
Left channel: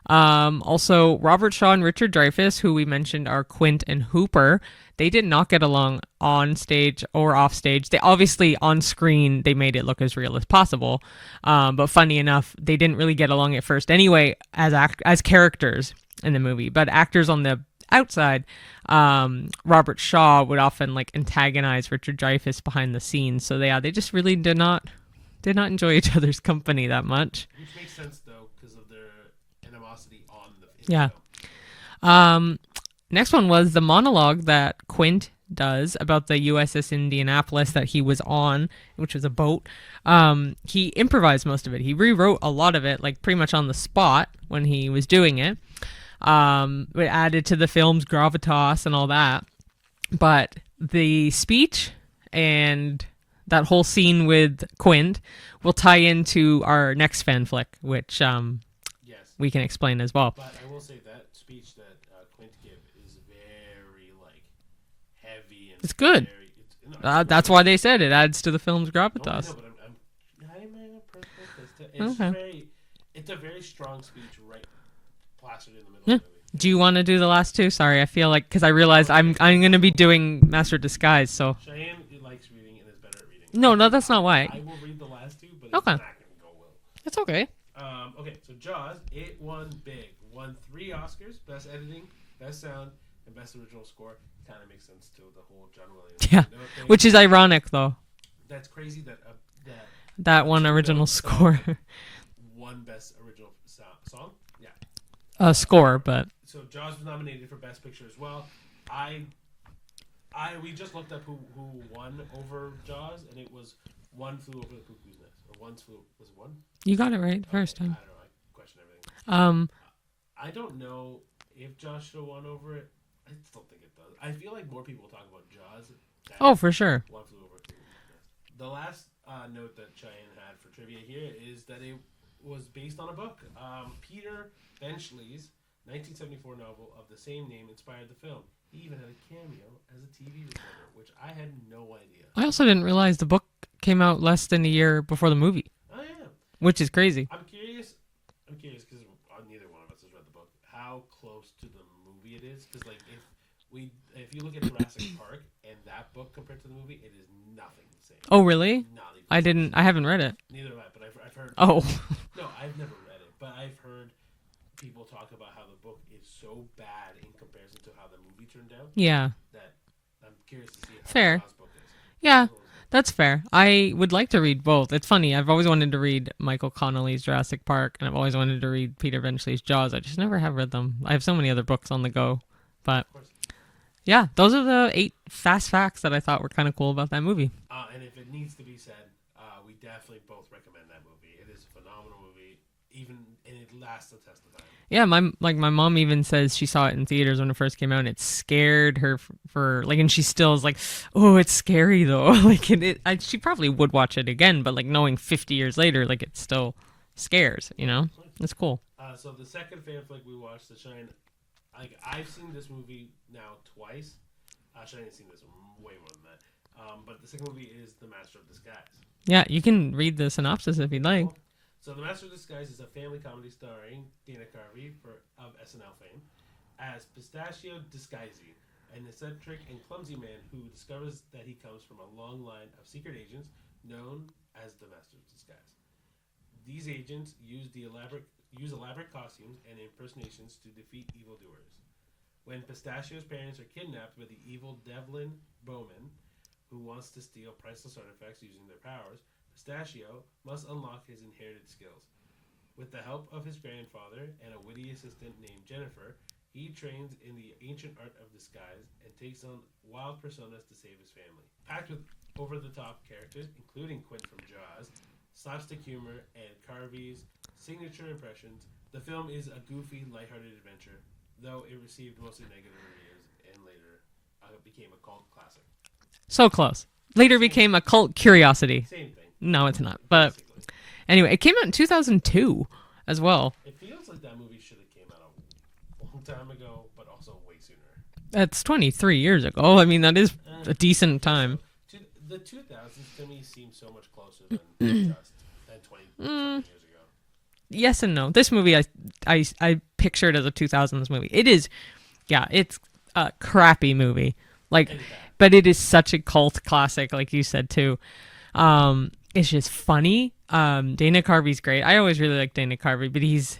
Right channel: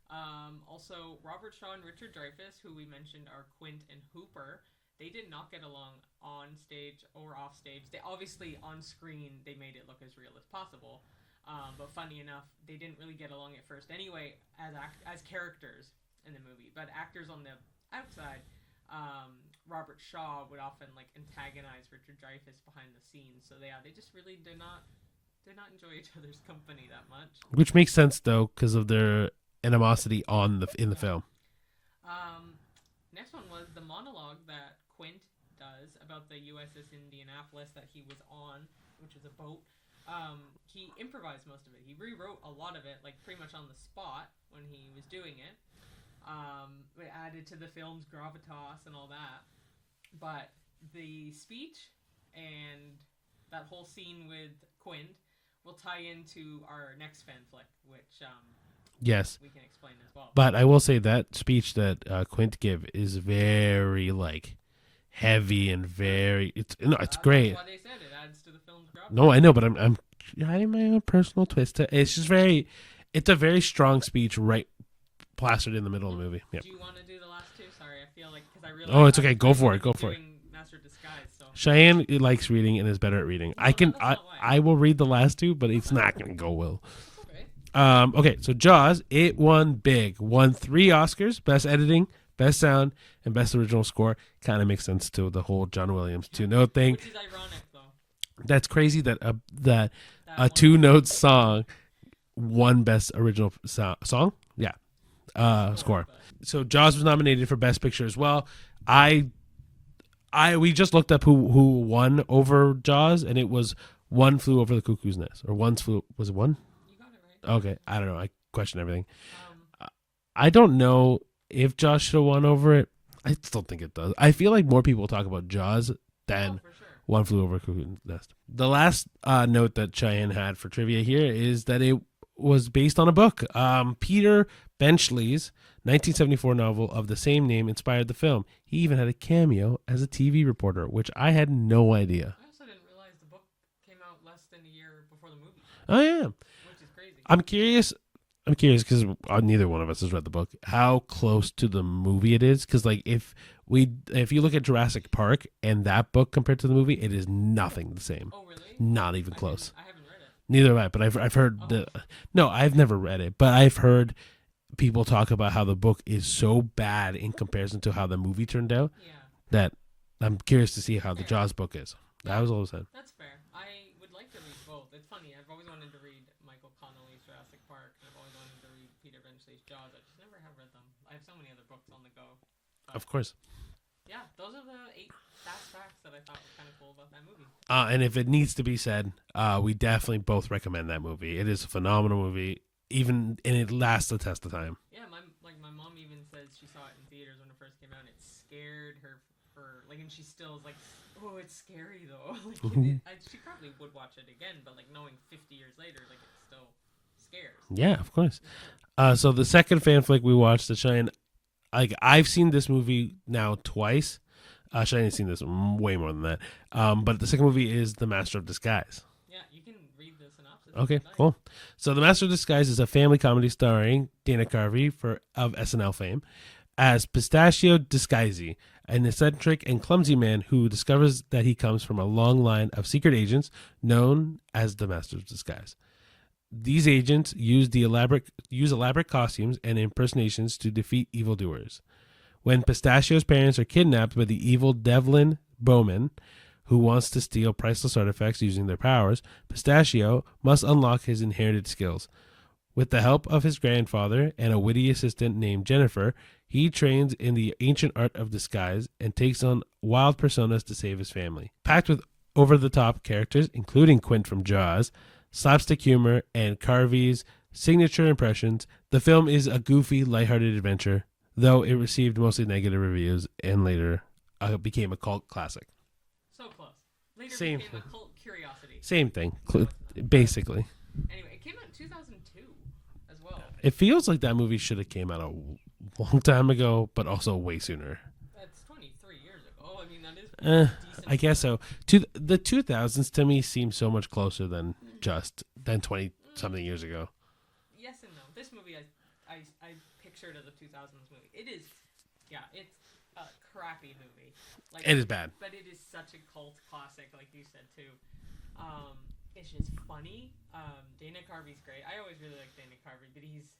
Also, Robert Shaw and Richard Dreyfuss, who we mentioned are Quint and Hooper, they did not get along on stage or off stage. They obviously on screen they made it look as real as possible, but funny enough, they didn't really get along at first anyway as characters in the movie. But actors on the outside, Robert Shaw would often like antagonize Richard Dreyfuss behind the scenes. So they just really did not enjoy each other's company that much. Which makes sense though, because of their animosity in the film. Next one was the monologue that Quint does about the USS Indianapolis that he was on, which was a boat. He improvised most of it. He rewrote a lot of it, like pretty much on the spot when he was doing it. It added to the film's gravitas and all that. But the speech and that whole scene with Quint will tie into our next fan flick, which yes, we can explain as well. But I will say that speech that Quint give is very like heavy and it's very good. It's great. That's why they said it adds to the film's gravitas. No, I know, but I'm adding my own personal twist to it. It's just it's a very strong speech, right? plastered in the middle of the movie. Yeah. Do you want to do the last two? Sorry, I feel like, because I realize it's okay. I'm going to be doing Master of Disguise, so. Cheyenne likes reading and is better at reading. No, that's not why. I will read the last two, but it's not going to go well. That's okay. Okay, so Jaws, it won big. Won 3 Oscars, Best Editing, Best Sound, and Best Original Score. Kind of makes sense to the whole John Williams thing. Which is ironic, though. That's crazy that that one original song won Best Original Song. Yeah. Score, but so Jaws was nominated for Best Picture as well. We just looked up who won over Jaws, and it was One Flew Over the Cuckoo's Nest, or was it one? You got it right. Okay, First time. I don't know. I question everything. I don't know if Jaws should have won over it. I still think it does. I feel like more people talk about Jaws than for sure. One Flew Over the Cuckoo's Nest. The last note that Cheyenne had for trivia here is that it was based on a book. Peter Benchley's 1974 novel of the same name inspired the film. He even had a cameo as a TV reporter, which I had no idea. I also didn't realize the book came out less than a year before the movie. Oh, yeah. Which is crazy. I'm curious because neither one of us has read the book, how close to the movie it is. Because, like, if you look at Jurassic Park and that book compared to the movie, it is nothing the same. Oh, really? Not even close. I haven't read it. Neither have I, but I've heard. Oh. No, I've never read it, but I've heard people talk about how the book is so bad in comparison to how the movie turned out. Yeah. That I'm curious to see how Fair. the Jaws book is. Yeah, that's fair. I would like to read both. It's funny. I've always wanted to read Michael Connelly's Jurassic Park, and I've always wanted to read Peter Benchley's Jaws. I just never have read them. I have so many other books on the go. But of course. Yeah, those are the 8 fast facts that I thought were kind of cool about that movie. And if it needs to be said, we definitely both recommend that movie. It is a phenomenal movie. And it lasts the test of time. Yeah, my mom even says she saw it in theaters when it first came out, and it scared her and she still is like, oh, it's scary though. She probably would watch it again, but like knowing 50 years later, it still scares. Yeah, you know? Of course, it's cool. So the second fan flick we watched, the Cheyenne, I've seen this movie now twice. Cheyenne's seen this way more than that. But the second movie is The Master of Disguise. Yeah, you can read the synopsis if you'd like. Cool. So The Master of Disguise is a family comedy starring Dana Carvey of SNL fame as Pistachio Disguisey, an eccentric and clumsy man who discovers that he comes from a long line of secret agents known as the Master of Disguise. These agents use elaborate costumes and impersonations to defeat evildoers. When Pistachio's parents are kidnapped by the evil Devlin Bowman, who wants to steal priceless artifacts using their powers, Pistachio must unlock his inherited skills. With the help of his grandfather and a witty assistant named Jennifer, he trains in the ancient art of disguise and takes on wild personas to save his family. Packed with over-the-top characters, including Quint from Jaws, slapstick humor, and Carvey's signature impressions, the film is a goofy, lighthearted adventure, though it received mostly negative reviews and later became a cult classic. So close. Later became a cult curiosity. Same thing. No, it's not. Basically. Anyway, it came out in 2002 as well. It feels like that movie should have came out a long time ago, but also way sooner. That's 23 years ago. I mean, that is a decent I guess time. So. The 2000s to me seem so much closer than 20-something years ago. Yes and no. This movie, I pictured as a 2000s movie. It is, it's a crappy movie. It is bad. But it is such a cult classic, like you said, too. It's just funny. Dana Carvey's great. I always really like Dana Carvey, but he's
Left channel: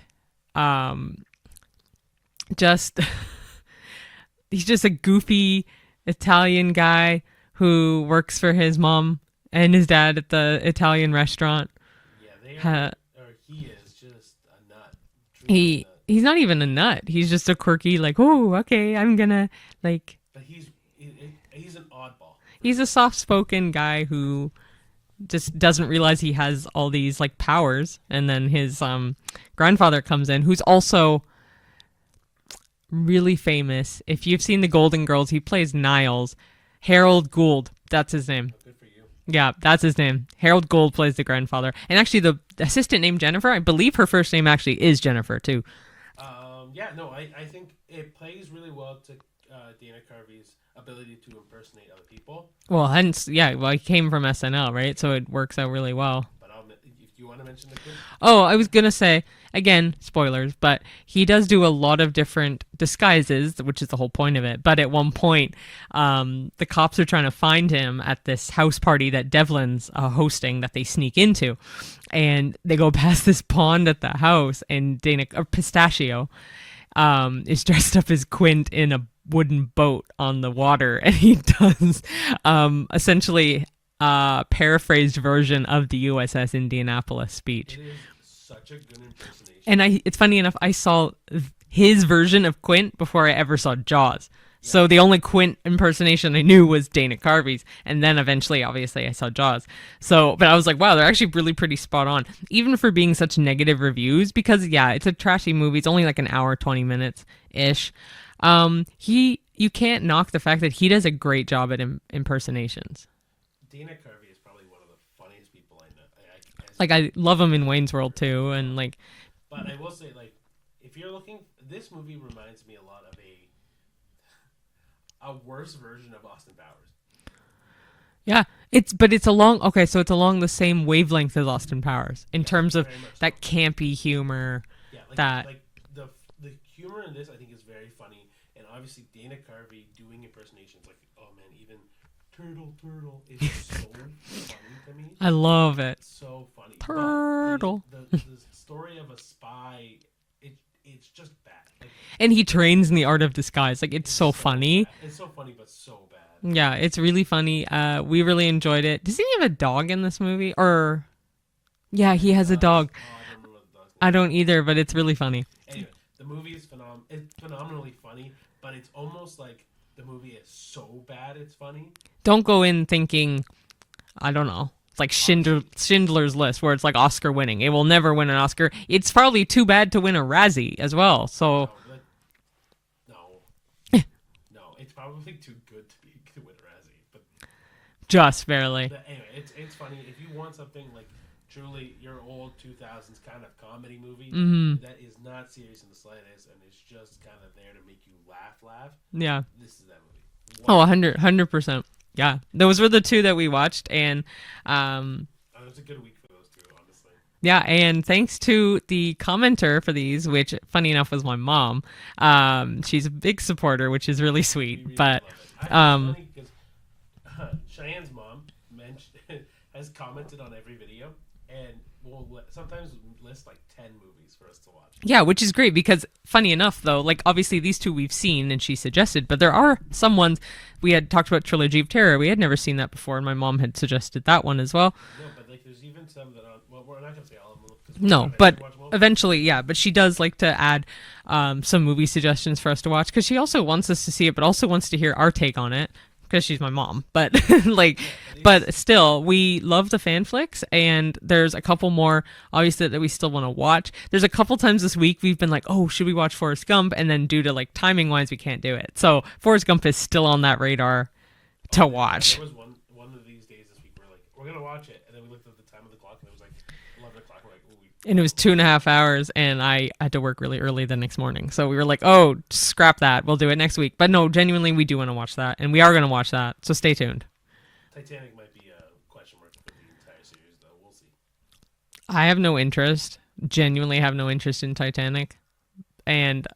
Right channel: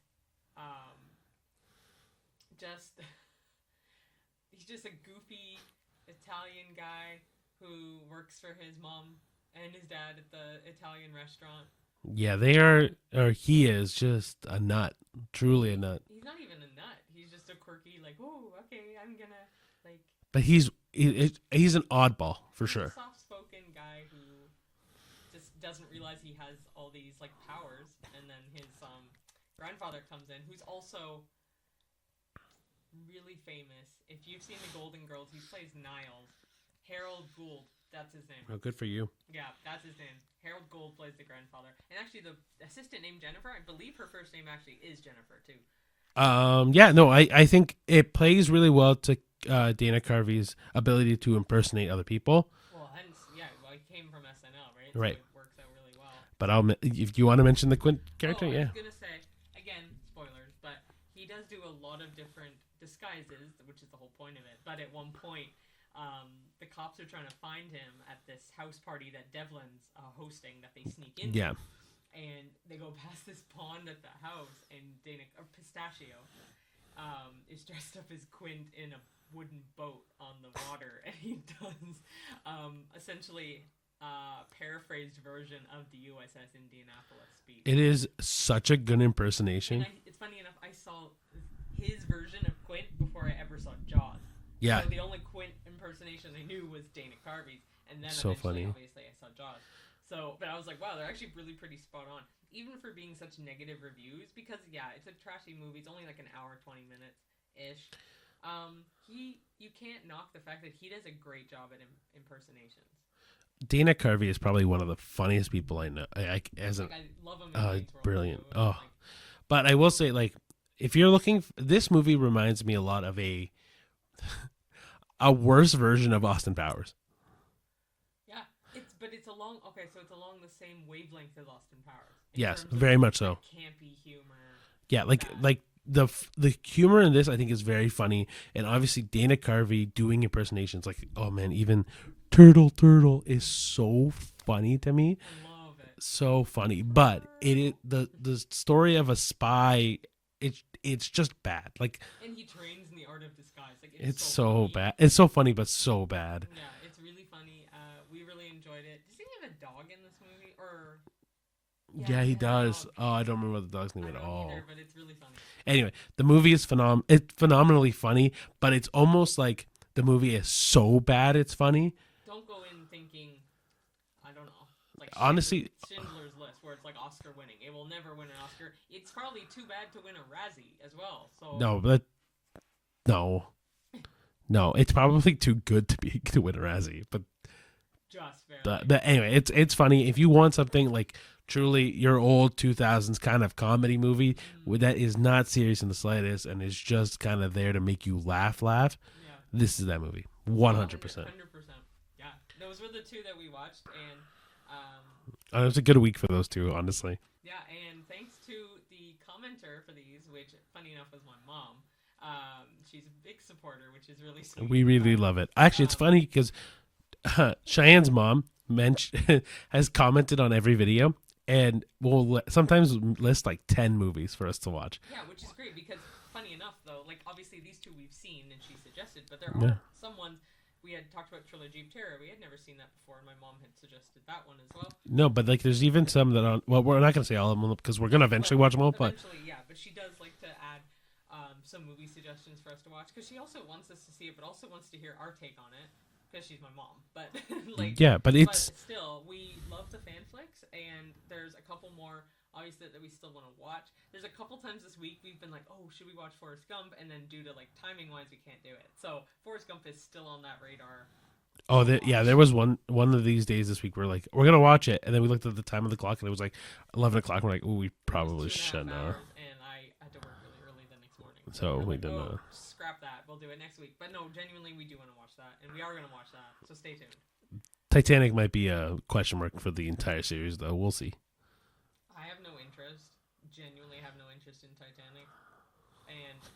he's just a goofy Italian guy who works for his mom and his dad at the Italian restaurant. Yeah, they are, or he is just a nut. Truly a nut. He's not even a nut. He's just a quirky, oh, okay, I'm gonna, But he's an oddball. He's a soft-spoken guy who just doesn't realize he has all these powers, and then his grandfather comes in, who's also really famous. If you've seen The Golden Girls, he plays Niles. Harold Gould, that's his name. Oh, good for you. Yeah, that's his name. Harold Gould plays the grandfather, and actually the assistant named Jennifer. I believe her first name actually is Jennifer too. I think it plays really well to Dana Carvey's ability to impersonate other people. Well, hence, yeah. Well, he came from SNL, right? So Right. it works out really well. But if you want to mention the Quint. Oh, I was gonna say again, spoilers, but he does do a lot of different disguises, which is the whole point of it. But at one point, the cops are trying to find him at this house party that Devlin's hosting that they sneak into, and they go past this pond at the house, and Pistachio is dressed up as Quint in a wooden boat on the water, and he does essentially paraphrased version of the USS Indianapolis speech. It is such a good impersonation. And it's funny enough, I saw his version of Quint before I ever saw Jaws. Yeah. So the only Quint impersonation I knew was Dana Carvey's, and then So eventually, funny. obviously, I saw Jaws. So, but I was like, wow, they're actually really pretty spot on, even for being such negative reviews. Because yeah, it's a trashy movie. It's only like an hour, 20 minutes ish. You can't knock the fact that he does a great job at impersonations. Dana Carvey is probably one of the funniest people I know. I love him in Wayne's World too, brilliant. and like. But I will say, like, if you're looking, this movie reminds me a lot of a worse version of Austin Powers. Yeah, it's along the same wavelength as Austin Powers in Yes, terms of very much so. that campy humor. Yeah, like that- like the humor in this I think is very funny, and obviously Dana Carvey doing impersonations, like, oh man, even turtle is so funny to me. I love it. So funny, Turtle. but the story of a spy, it's just bad. Like, And he trains in the art of disguise. Like it's so funny. bad. It's so funny, but so bad. Yeah, it's really funny. We really enjoyed it. Does he have a dog in this movie? Or yeah, he has a does. dog. Oh, I don't remember what the dog's name. I don't Oh. either, but it's really funny. Anyway, the movie is it's phenomenally funny, but it's almost like the movie is so bad it's funny. Don't go in thinking, I don't know. It's like Honestly- Schindler's List, where it's like Oscar winning. It will never win an Oscar. It's probably too bad to win a Razzie as well. So No, it's probably too good to win a Razzie. But just barely. anyway, it's funny. If you want something like truly your old 2000s kind of comedy movie that is not serious in the slightest and is just kind of there to make you laugh, Yeah. this is that movie. 100%. Yeah. Those were the two that we watched. And It was a good week for those two, honestly. yeah, and thanks to the commenter for these, which funny enough was my mom. She's a big supporter, which is really sweet. We really love it. Actually, it's funny because Cheyenne's mom has commented on every video and will sometimes list like 10 movies for us to watch. Yeah, which is great because funny enough, though, like obviously these two we've seen and she suggested, but there are some ones we had talked about Trilogy of Terror. We had never seen that before, and my mom had suggested that one as well. No, but like there's even some that are, well, we're not going to say all of them because we're No, going to but eventually watch them all. eventually, yeah. But she does like to add some movie suggestions for us to watch because she also wants us to see it, but also wants to hear our take on it because she's my mom. But like, Yeah, but still, we love the fan flicks, and there's a couple more obviously that we still want to watch. There's a couple times this week we've been like, oh, should we watch Forrest Gump? And then due to like timing wise, we can't do it. So Forrest Gump is still on that radar to watch. Yeah, there was one of these days this week where like we're gonna watch it, and then we looked at the time of the clock and it was like 11 o'clock. We're like, ooh, And it was 2.5 hours, and I had to work really early the next morning. So we were like, oh, scrap that. We'll do it next week. But no, genuinely, we do want to watch that, and we are going to watch that. So stay tuned. Titanic might be a question mark for the entire series, though. We'll see. I have no interest, genuinely have no interest in Titanic. And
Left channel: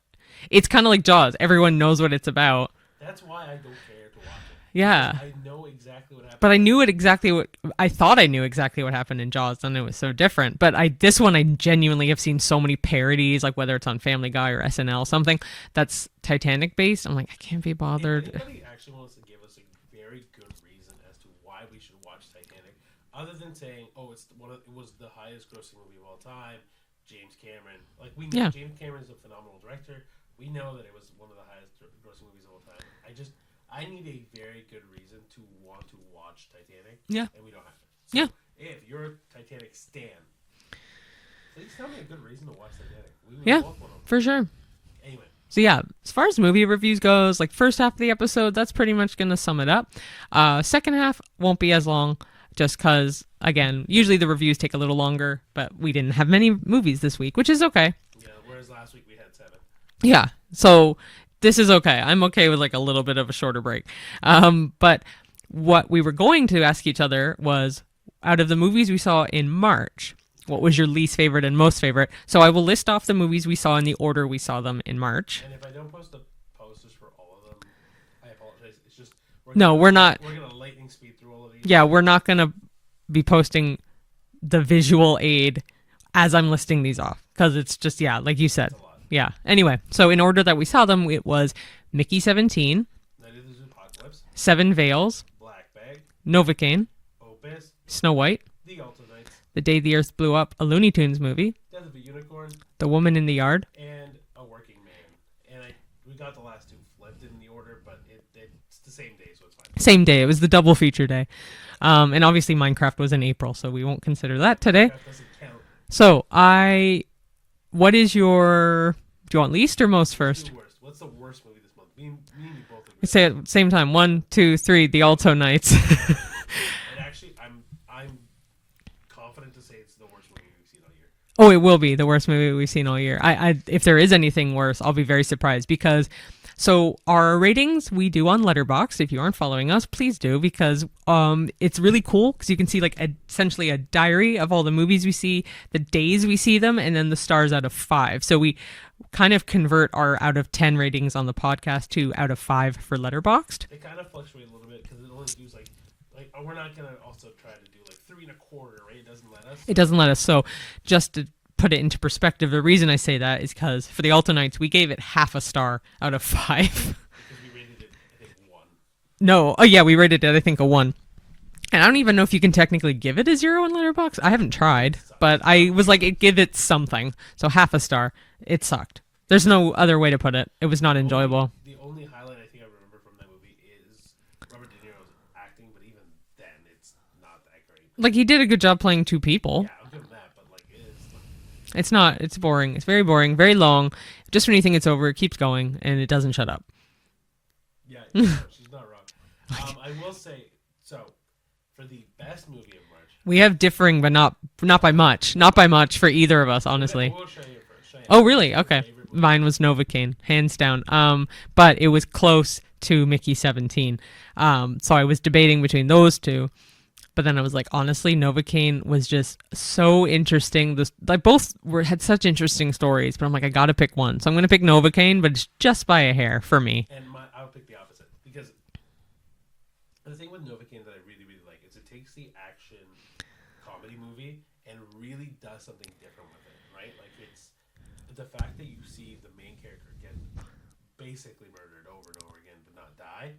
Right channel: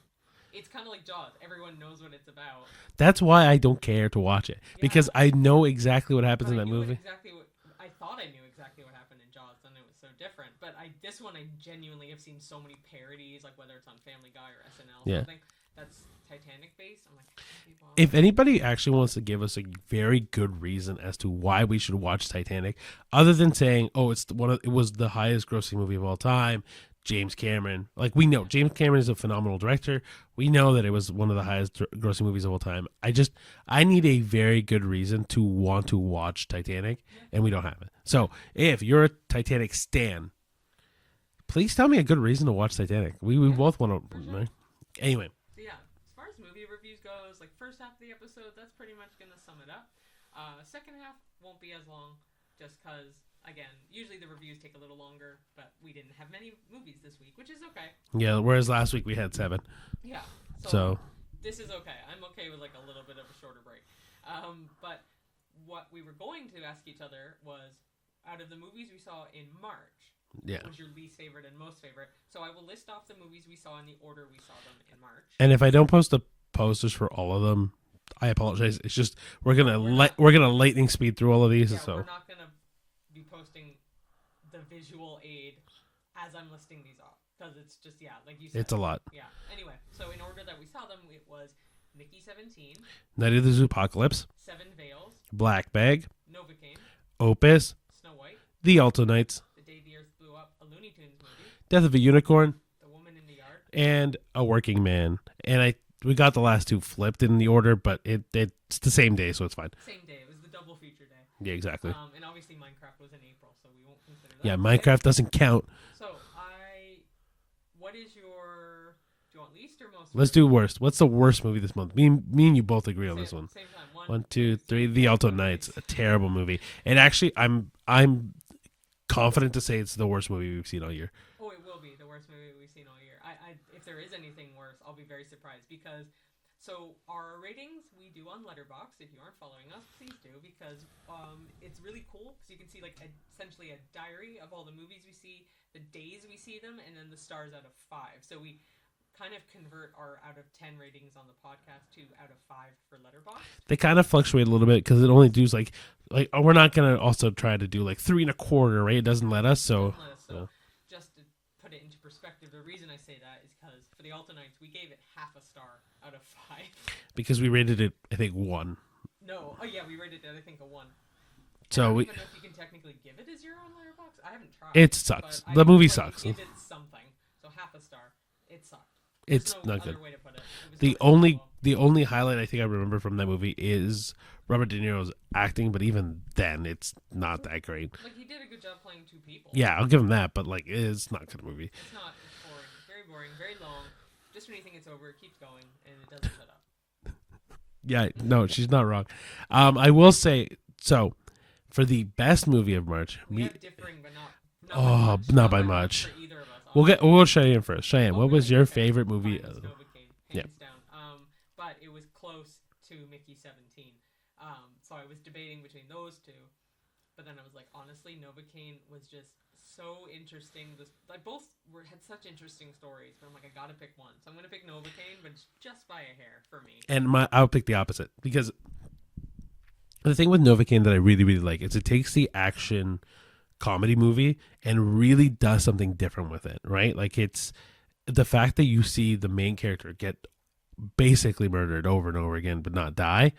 it's kind of like Jaws. Everyone knows what it's about. That's why I don't care to watch it. Yeah. Because I know exactly what happened. But I in that knew movie. I thought I knew exactly what happened in Jaws, and it was so different. But this one I genuinely have seen so many parodies, like whether it's on Family Guy or SNL, something that's Titanic based. I'm like, I can't be bothered. If anybody actually wants to give us a very good reason as to why we should watch Titanic, other than saying, oh, it was the highest grossing movie of all time, James Cameron, like we know James Cameron is a phenomenal director. We know that it was one of the highest grossing movies of all time. I need a very good reason to want to watch Titanic. Yeah. And we don't have it. So if you're a Titanic stan, please tell me a good reason to watch Titanic. We both want to. For sure. Anyway. So yeah, as far as movie reviews goes, like first half of the episode, that's pretty much going to sum it up. Second half won't be as long. Just because, again, usually the reviews take a little longer, but we didn't have many movies this week, which is okay. Yeah, whereas last week we had 7. Yeah. So this is okay. I'm okay with like a little bit of a shorter break. But what we were going to ask each other was, out of the movies we saw in March, what was your least favorite and most favorite? So I will list off the movies we saw in the order we saw them in March. And if I don't post the posters for all of them, I apologize. It's just we're gonna lightning speed through all of these. Yeah, so. we're not gonna be posting the visual aid as I'm listing these off, because it's just, like you said, it's a lot. Yeah. Anyway, so in order that we saw them, it was Mickey 17, Night of the Zoopocalypse, Seven Veils, Black Bag, Novocaine, Opus, Snow White, The Alto Knights, The Day the Earth Blew Up, a Looney Tunes movie, Death of a Unicorn, The Woman in the Yard, and A Working Man. And we got the last two flipped in the order, but it's the same day, so it's fine. Same day. It was the double feature day. Yeah, exactly. And obviously Minecraft was in April, so we won't consider that today. Minecraft doesn't count. So what is your... Do you want least or most first? Let's do worst. What's the worst movie this month? Me and you both agree Say on it this one. same time. One, two, three. The Alto Knights. Terrible movie. And actually, I'm confident to say it's the worst movie we've seen all year. Oh, it will be the worst movie we've seen all year. If there is anything worse, I'll be very surprised, because our ratings we do on Letterboxd. If you aren't following us, please do, because it's really cool, because you can see like essentially a diary of all the movies we see, the days we see them, and then the stars out of 5. So we kind of convert our out of 10 ratings on the podcast to out of 5 for Letterboxd. They kind of fluctuate a little bit because it only does like we're not gonna also try to do like 3.25, right? It doesn't let us. So. It doesn't let us. So just to put it into perspective, the reason I say that is because for the Alto Knights, we gave it half a star out of 5. Because we rated it, I think, 1. No. Oh, yeah, we rated it, I think, a 1. And I don't even know if you can technically give it a 0 in Letterboxd. I haven't tried. It sucks. But I was like, sucks. give it something. So half a star. It sucked. There's no other way to put it. It was not enjoyable. The only highlight I think I remember from that movie is Robert De Niro's acting, but even then, it's not that great. Like, he did a good job playing two people. Yeah, I'll give him that, but like, it's not a good movie. It's not. It's boring. It's very boring, very long. Just when you think it's over, it keeps going, and it doesn't shut up. Yeah, no, she's not wrong. I will say, so for the best movie of March, we have differing, but not by much. Not by much for either of us, honestly. We'll Cheyenne first. Cheyenne. Oh, really? Your Okay. favorite movie? Mine was Novocaine, hands down. But it was close to Mickey 17. So I was debating between those two. But then I was like, honestly, Novocaine was just so interesting. Both had such interesting stories. But I'm like, I got to pick one. So I'm going to pick Novocaine, but it's just by a hair for me. And I'll pick the opposite. Because the thing with Novocaine that I really, really like is it takes the action comedy movie and really does something different with it, right? Like, it's the fact that you see the main character get basically murdered over and over again but not die.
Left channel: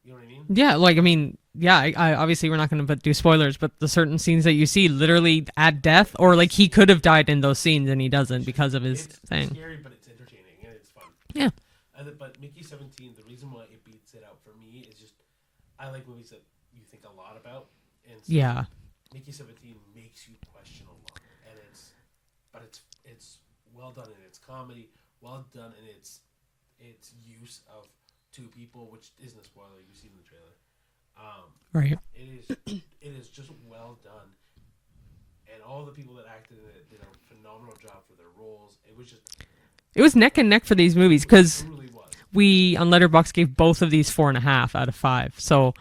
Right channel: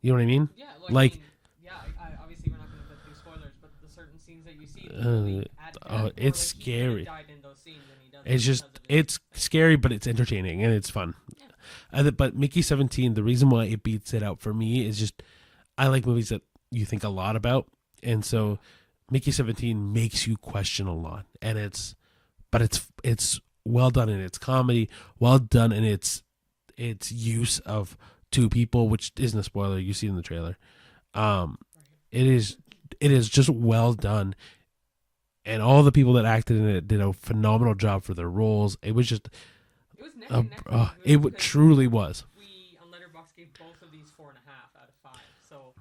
You know what I mean? Yeah, I mean, yeah, I obviously we're not going to do spoilers, but the certain scenes that you see literally at death, or like he could have died in those scenes and he doesn't because of his It's thing. Scary, but it's entertaining and it's fun. Yeah. But Mickey 17, the reason why it beats it out for me is just I like movies that you think a lot about. And so Mickey 17 makes you question a lot. And it's well done in its comedy, well done in its use of two people, which isn't a spoiler. You see in the trailer. Right. It is just well done, and all the people that acted in it did a phenomenal job for their roles. It was neck and neck for these movies, because it truly was. We on Letterboxd gave both of these 4.5 out of 5. So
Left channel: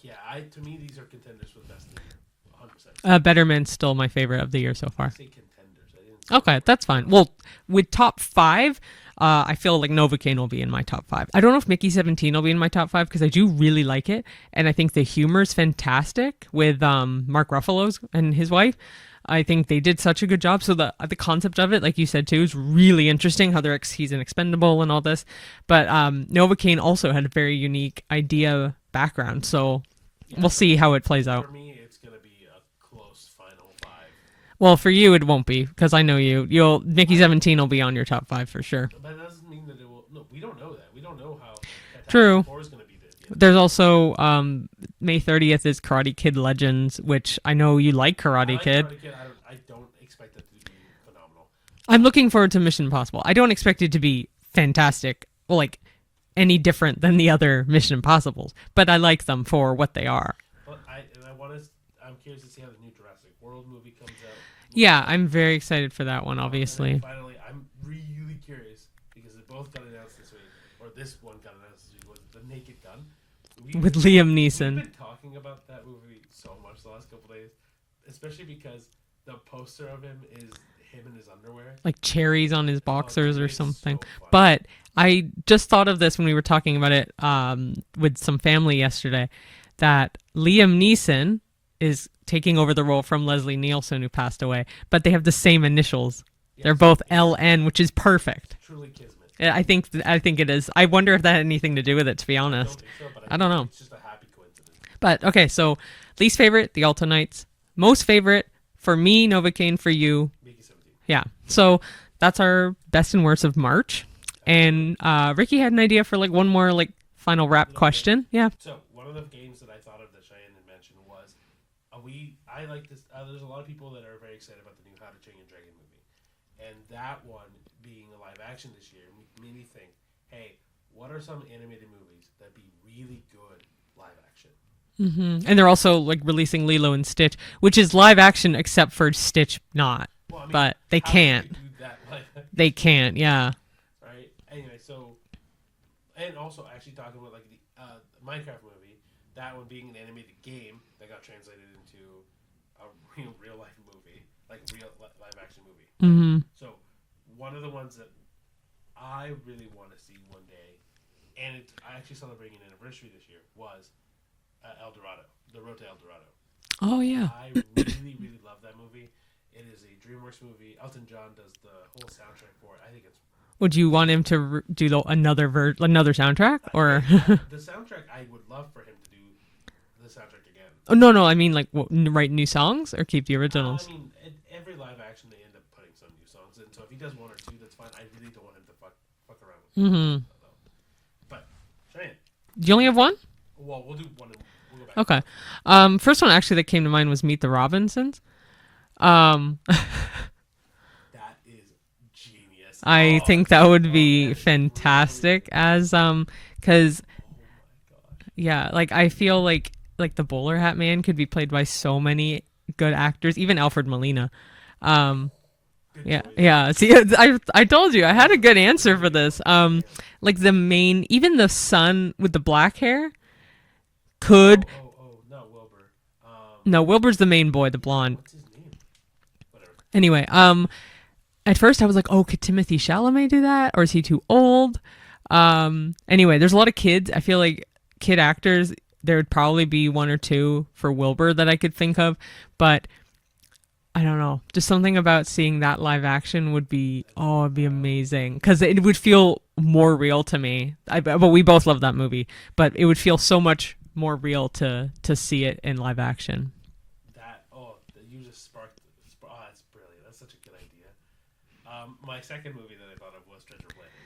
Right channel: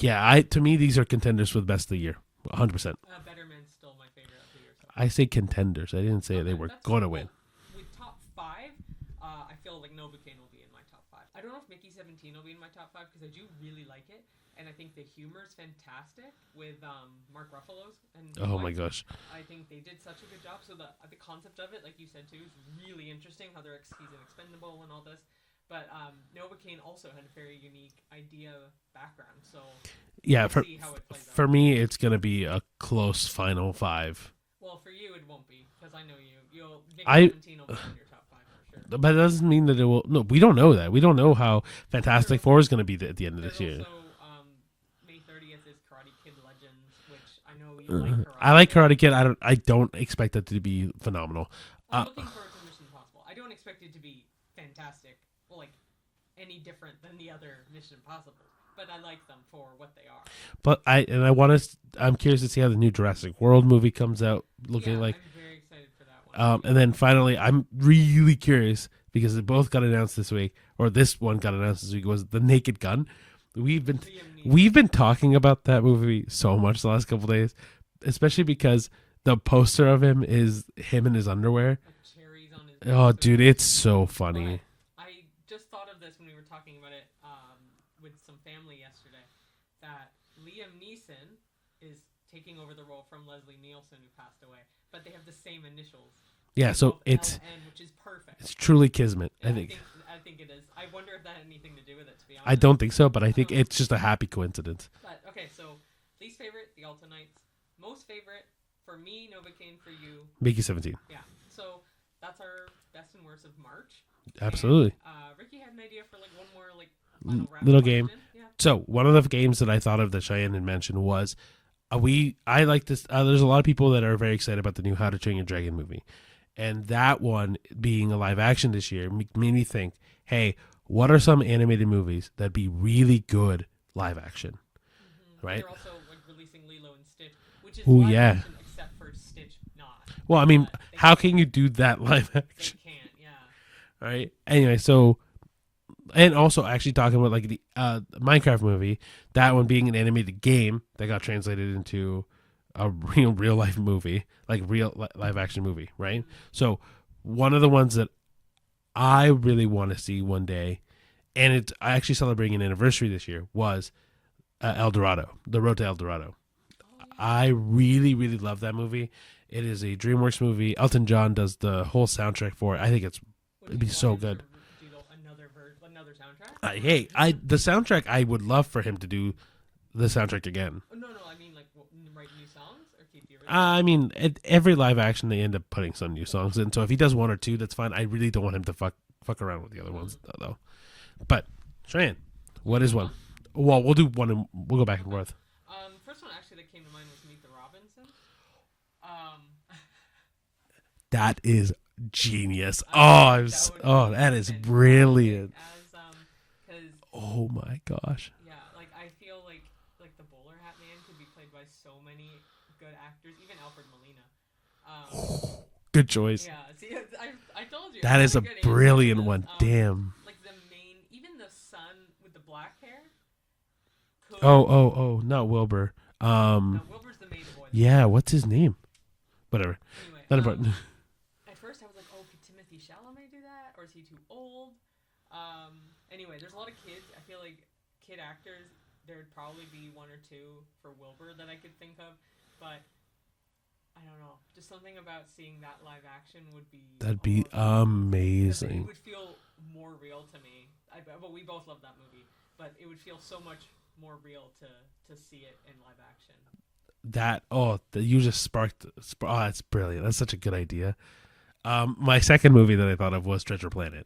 yeah, to me these are contenders for the best of the year, 100%. Better Man's still my favorite of the year so far. I say contenders. I didn't say okay. That's fine. Well, with top 5. I feel like Novocaine will be in my top 5. I don't know if Mickey 17 will be in my top 5 because I do really like it, and I think the humor's fantastic with Mark Ruffalo's and his wife. My gosh. I think they did such a good job. So the concept of it, like you said too, is really interesting. How he's an expendable and all this, but Novocaine also had a very unique idea background. So yeah, we'll see how it plays out. For me, it's gonna be a close final 5. Well, for you, it won't be, because I know you. Mickey 17 will be on your top 5 for sure. But it doesn't mean that it will. No, we don't know that. We don't know how Fantastic Four is going to be at the end of the year. There's also May 30th is Karate Kid Legends, which I know you like Karate Kid. I like Karate Kid. I don't expect it to be phenomenal. I'm looking forward to Mission Impossible. I don't expect it to be fantastic, like any different than the other Mission Impossibles, but I like them for what they are. But I'm curious to see how the new Jurassic World movie comes out. Yeah, I'm very excited for that one, obviously. And then finally, I'm really curious, because they both got announced this week, or this one got announced this week, was The Naked Gun. With Liam Neeson. We've been talking about that movie so much the last couple days, especially because the poster of him is him in his underwear. Like cherries on his boxers. Oh, dude, or it's something. so funny. But I just thought of this when we were talking about it with some family yesterday, that Liam Neeson is taking over the role from Leslie Nielsen, who passed away, but they have the same initials. Yeah, they're so both LN, which is perfect. It's truly kismet. I think it is. I wonder if that had anything to do with it, to be honest. I don't think so, but I think know. it's just a happy coincidence. But okay, so least favorite, The Alto Knights. Most favorite, for me, Novocaine. For you, Mickey 17. yeah. So that's our best and worst of March. Absolutely. And Ricky had an idea for like one more like final wrap Little question. game. Yeah. So one of the games that I thought of that Cheyenne had mentioned was, I like this. There's a lot of people that are very excited about the new How to Train Your Dragon movie, and that one being a live action this year made me think, hey, what are some animated movies that'd be really good live action? Mm-hmm. Right. And they're also like releasing Lilo and Stitch, which is live action except for Stitch not. Well, I mean, but they how can't. can you do that live action? They can't, yeah. All right. Anyway, so, and also actually talking about like the Minecraft movie, that one being an animated game that got translated into a real life movie, like real live action movie, right? Mm-hmm. So one of the ones that I really want to see one day, and I actually celebrating an anniversary this year, was El Dorado, The Road to El Dorado. Oh yeah. I really, really love that movie. It is a DreamWorks movie. Elton John does the whole soundtrack for it. I think it's. Would you want so him good. to do another soundtrack, or the soundtrack? I would love for him to do the soundtrack again. Oh, no. I mean, like write new songs or keep the originals. I mean, every live action they end up putting some new songs in. So if he does one or two, that's fine. I really don't want him to fuck around with the other ones though. But Cheyenne, do you only have one? Well, we'll do one and we'll go back. Okay. And forth. First one actually that came to mind was Meet the Robinsons. That is genius. I think that would be that is fantastic brilliant. as because oh my gosh, yeah, like I feel like the bowler hat man could be played by so many good actors, even Alfred Molina. Good choice. Yeah, see, I told you I had a good answer for this. Damn. Like even the son with the black hair could. Oh, not Wilbur. No, Wilbur's the main boy, the blonde. What's his name? Whatever. Anyway, at first I was like, oh, could Timothée Chalamet do that, or is he too old? Anyway, there's a lot of kids. I feel like kid actors. There would probably be one or two for Wilbur that I could think of, but I don't know. Just something about seeing that live action would be it'd be amazing because it would feel more real to me. But we both love that movie, but it would feel so much more real to see it in live action. You just sparked. That's brilliant. That's such a good idea. My second movie that I thought of was Treasure Planet.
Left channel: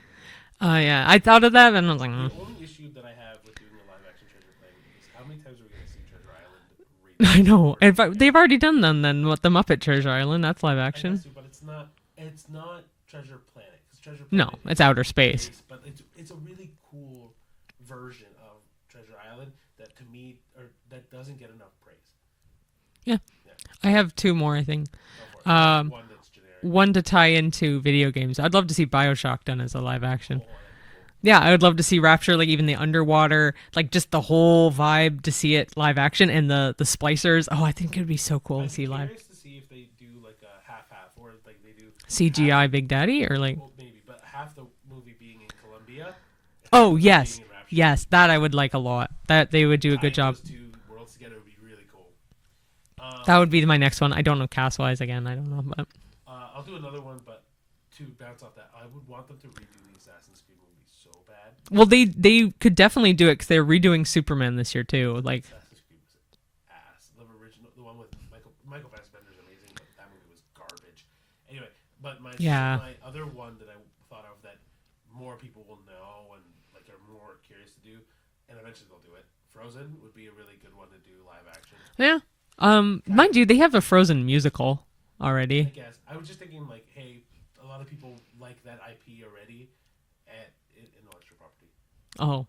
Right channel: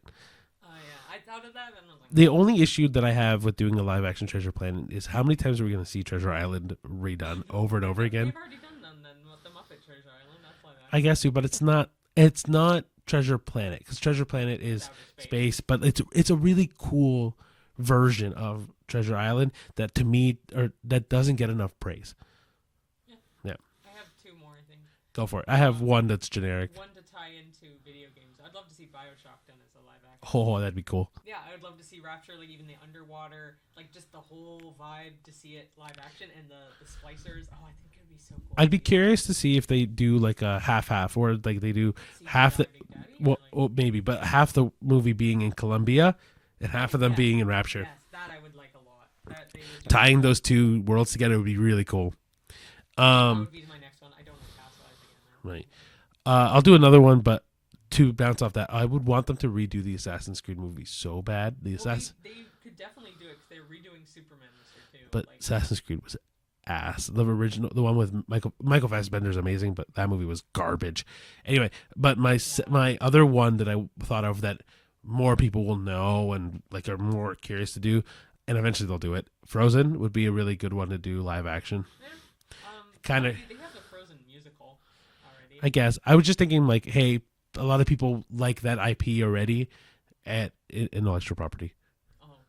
Yeah, I thought of that, and I was like, the only issue that I have with doing a live action Treasure Planet is how many times are we going to see Treasure Island redone? I know, over and over again? They've already done them. Then what? The Muppet Treasure Island, that's live action. I guess so, but it's not Treasure Planet because Treasure Planet is it's outer space. But it's a really cool version of Treasure Island that to me that doesn't get enough praise. Yeah. I have two more, I think. Go for it. I have one that's generic. One to tie into video games. I'd love to see BioShock done as a live action. Oh, that'd be cool. Yeah, I would love to see Rapture, like even the underwater, like just the whole vibe to see it live action, and the splicers. Oh, I think it'd be so cool. I'd be curious to see if they do like a half, or like they do CGI Big Daddy, or maybe, but half the movie being in Colombia. And half of them being in Rapture. Yes, that I would like a lot. That they would do tying a good job. Those two worlds together would be really cool. That would be my next one. I don't know cast-wise again. I don't know. But. I'll do another one, but to bounce off that, I would want them to redo the Assassin's Creed movie so bad. They could definitely do it because they're redoing Superman this year too. But like Assassin's Creed was ass. The original, the one with Michael Fassbender's amazing, but that movie was garbage. Anyway, but my other one that I thought of that more people will know and like are more curious to do, and eventually they'll do it. Frozen would be a really good one to do live action. Yeah. Mind you, they have a Frozen musical already. I guess. I was just thinking, like, hey, a lot of people like that IP already at intellectual property. Oh.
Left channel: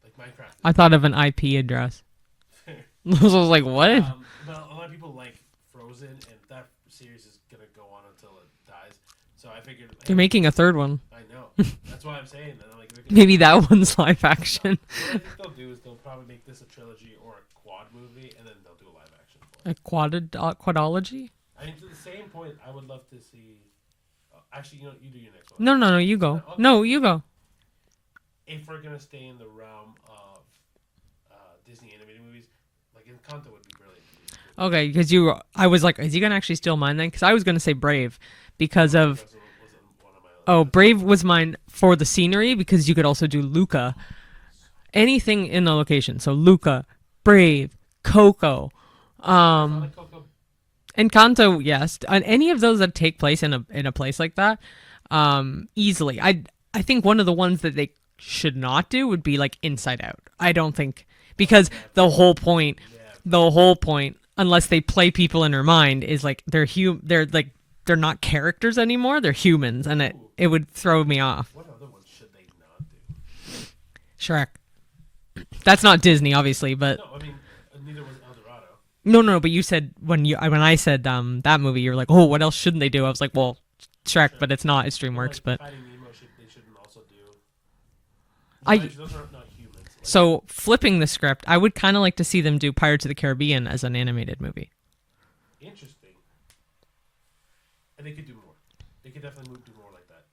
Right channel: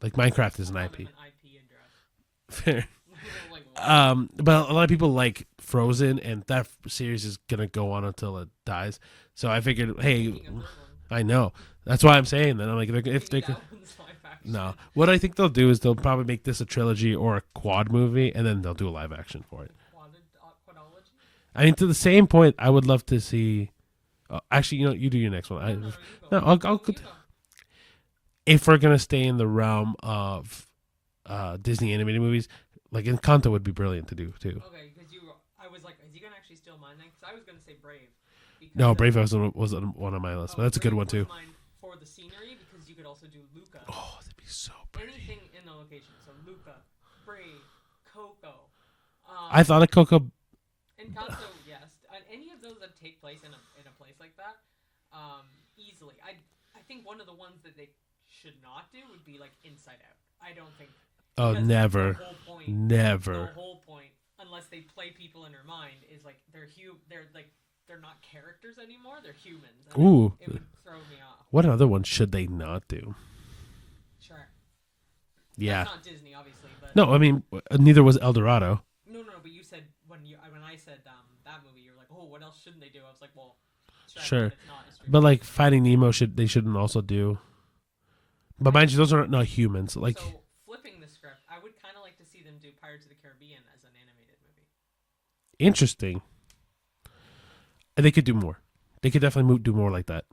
Like Minecraft is. I thought of an IP address. Fair. I was like, what? But a lot of people like Frozen, and that series is gonna go on until it dies. So I figured, hey, They're making a third one. I know. That's why I'm saying that. I'm like, Maybe that one's live action. No. What I think they'll do is they'll probably make this a trilogy or a quad movie, and then they'll do a live action for it. A quadology? I mean, to the same point, I would love to see. Actually, you do your next one. No, you go. You go. If we're gonna stay in the realm of Disney animated movies, like Encanto would be brilliant to do too. Okay, because I was like, is he gonna actually steal mine then? Because I was gonna say Brave. Because Brave was one of my lists. Oh, Brave was mine for the scenery because you could also do Luca. Oh, so anything in the location. So Luca, Brave, Coco. I thought of Coco. Encanto, yes. Any of those that take place in a place like that, easily. I think one of the ones that they should not do would be like Inside Out. I don't think because the whole point, unless they play people in their mind, is like they're not characters anymore. They're humans, and it would throw me off. What other one should they not do? Shrek. Yeah. That's not Disney, obviously, but no, I mean neither was El Dorado. No. But you said when I said that movie, you were like, oh, what else shouldn't they do? I was like, well, Shrek, but it's not. It's DreamWorks. But Finding Nemo they shouldn't also do. But mind you, those are not humans. Like, so flipping the script, I would kind of like to see them do Pirates of the Caribbean as an animated movie. Interesting. They could do more. They could definitely do more like that.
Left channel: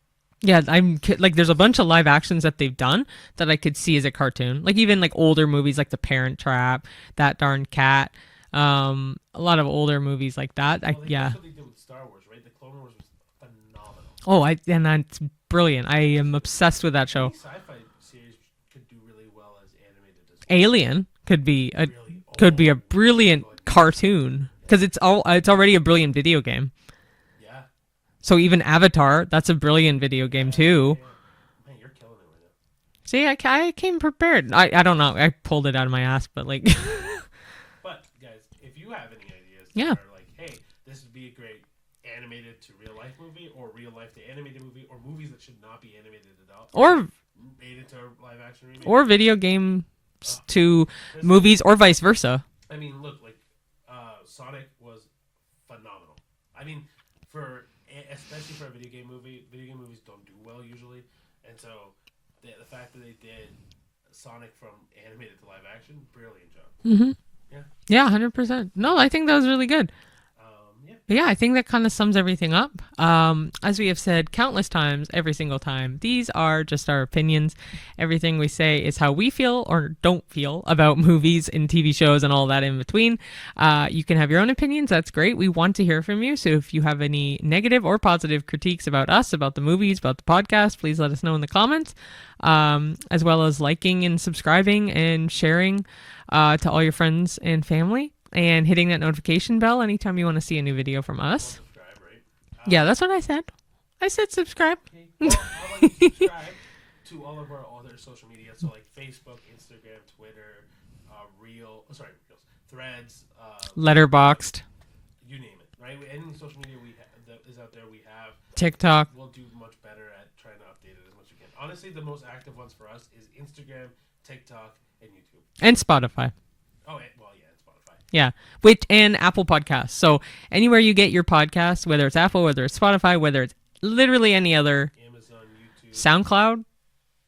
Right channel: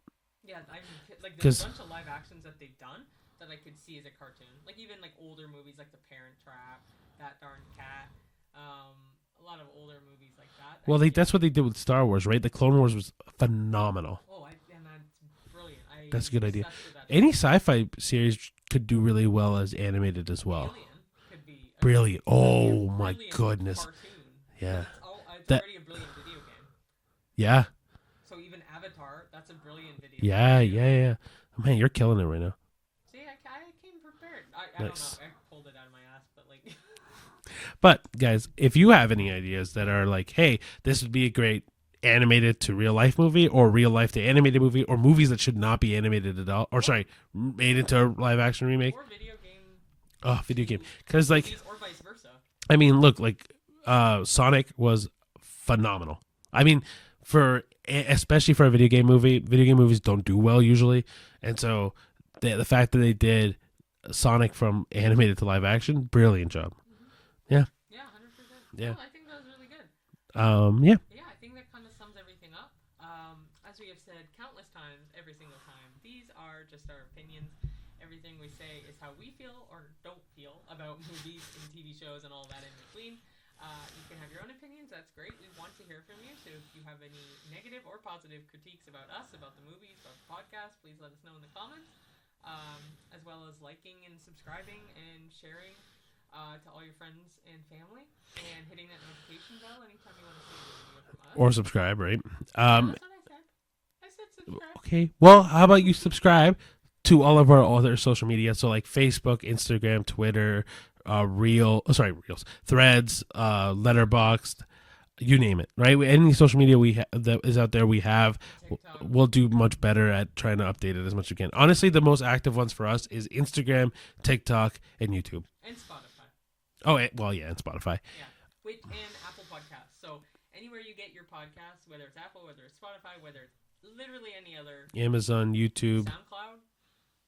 Yeah, there's a bunch of live actions that they've done that I could see as a cartoon. Like even like older movies like The Parent Trap, That Darn Cat, a lot of older movies like that. Well, that's what they did with Star Wars, right? The Clone Wars was phenomenal. Oh, and that's brilliant. I am obsessed with that show. Any sci-fi series could do really well as animated as well. Alien could be a brilliant cartoon because it's already a brilliant video game. Yeah. So even Avatar, that's a brilliant video game too. Yeah. Man, you're killing it right now. See, I came prepared. I don't know. I pulled it out of my ass, but like. But guys, if you have any ideas that are like, hey, this would be a great animated to real life movie, or real life to animated movie, or movies that should not be animated at all, or made into a live action remake, or video game to movies, or vice versa. I mean, look, like Sonic was phenomenal. I mean, especially for a video game movie, video game movies don't do well usually, and so the fact that they did Sonic from animated to live action, brilliant job. Mm-hmm. Yeah, 100%. No, I think that was really good. I think that kind of sums everything up. As we have said countless times, every single time, these are just our opinions. Everything we say is how we feel or don't feel about movies and TV shows and all that in between. You can have your own opinions. That's great. We want to hear from you. So if you have any negative or positive critiques about us, about the movies, about the podcast, please let us know in the comments, as well as liking and subscribing and sharing to all your friends and family. And hitting that notification bell anytime you want to see a new video from us. Or subscribe, right? Yeah, that's what I said. I said subscribe. Okay. Well, how about you subscribe to all of our other social media? So like Facebook, Instagram, Twitter, Reels, Threads, Letterboxd. You name it, right? Any social media that is out there, we have. TikTok. We'll do much better at trying to update it as much as we can. Honestly, the most active ones for us is Instagram, TikTok, and YouTube. And Spotify. Oh, well, yeah, and Spotify. Yeah, and Apple Podcasts. So anywhere you get your podcasts, whether it's Apple, whether it's Spotify, whether it's literally any other. Amazon, YouTube. SoundCloud?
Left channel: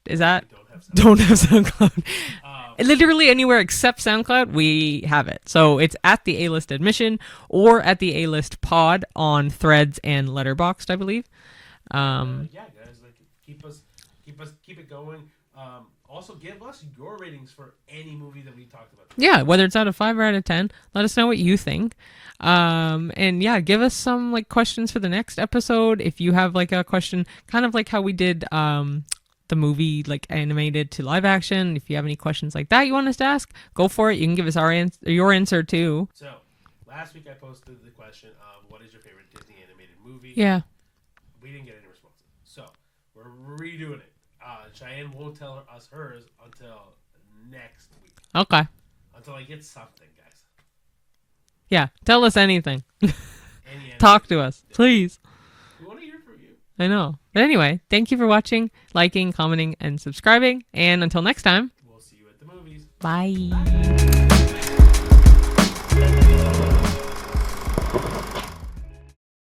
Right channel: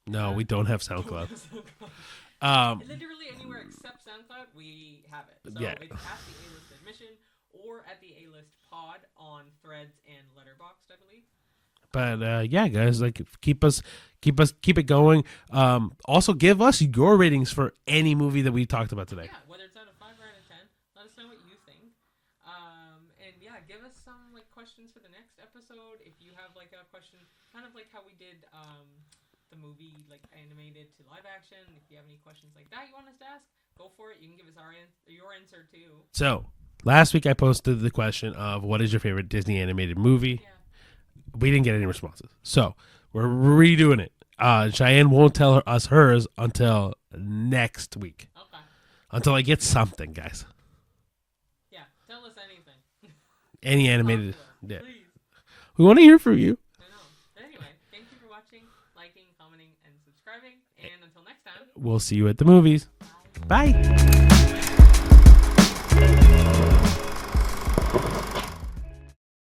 We don't have SoundCloud. Don't have SoundCloud. Literally anywhere except SoundCloud, we have it. So it's at the A-List Admission or at the A-List Pod on Threads and Letterboxd, I believe. Guys, like keep it going. Also give us your ratings for any movie that we talked about today. Yeah, whether it's out of 5 or out of 10, let us know what you think. Give us some like questions for the next episode. If you have like a question, kind of like how we did the movie like animated to live action. If you have any questions like that you want us to ask, go for it. You can give us your answer too. So last week I posted the question of what is your favorite Disney animated movie? Yeah. We didn't get any responses. So we're redoing it. Cheyenne won't tell us hers until next week. Okay. Until I get something, guys. Yeah. Tell us anything. Any animated. Talk to us, please. We want to hear from you. I know. But anyway, thank you for watching, liking, commenting, and subscribing. And until next time. We'll see you at the movies. Bye. Bye.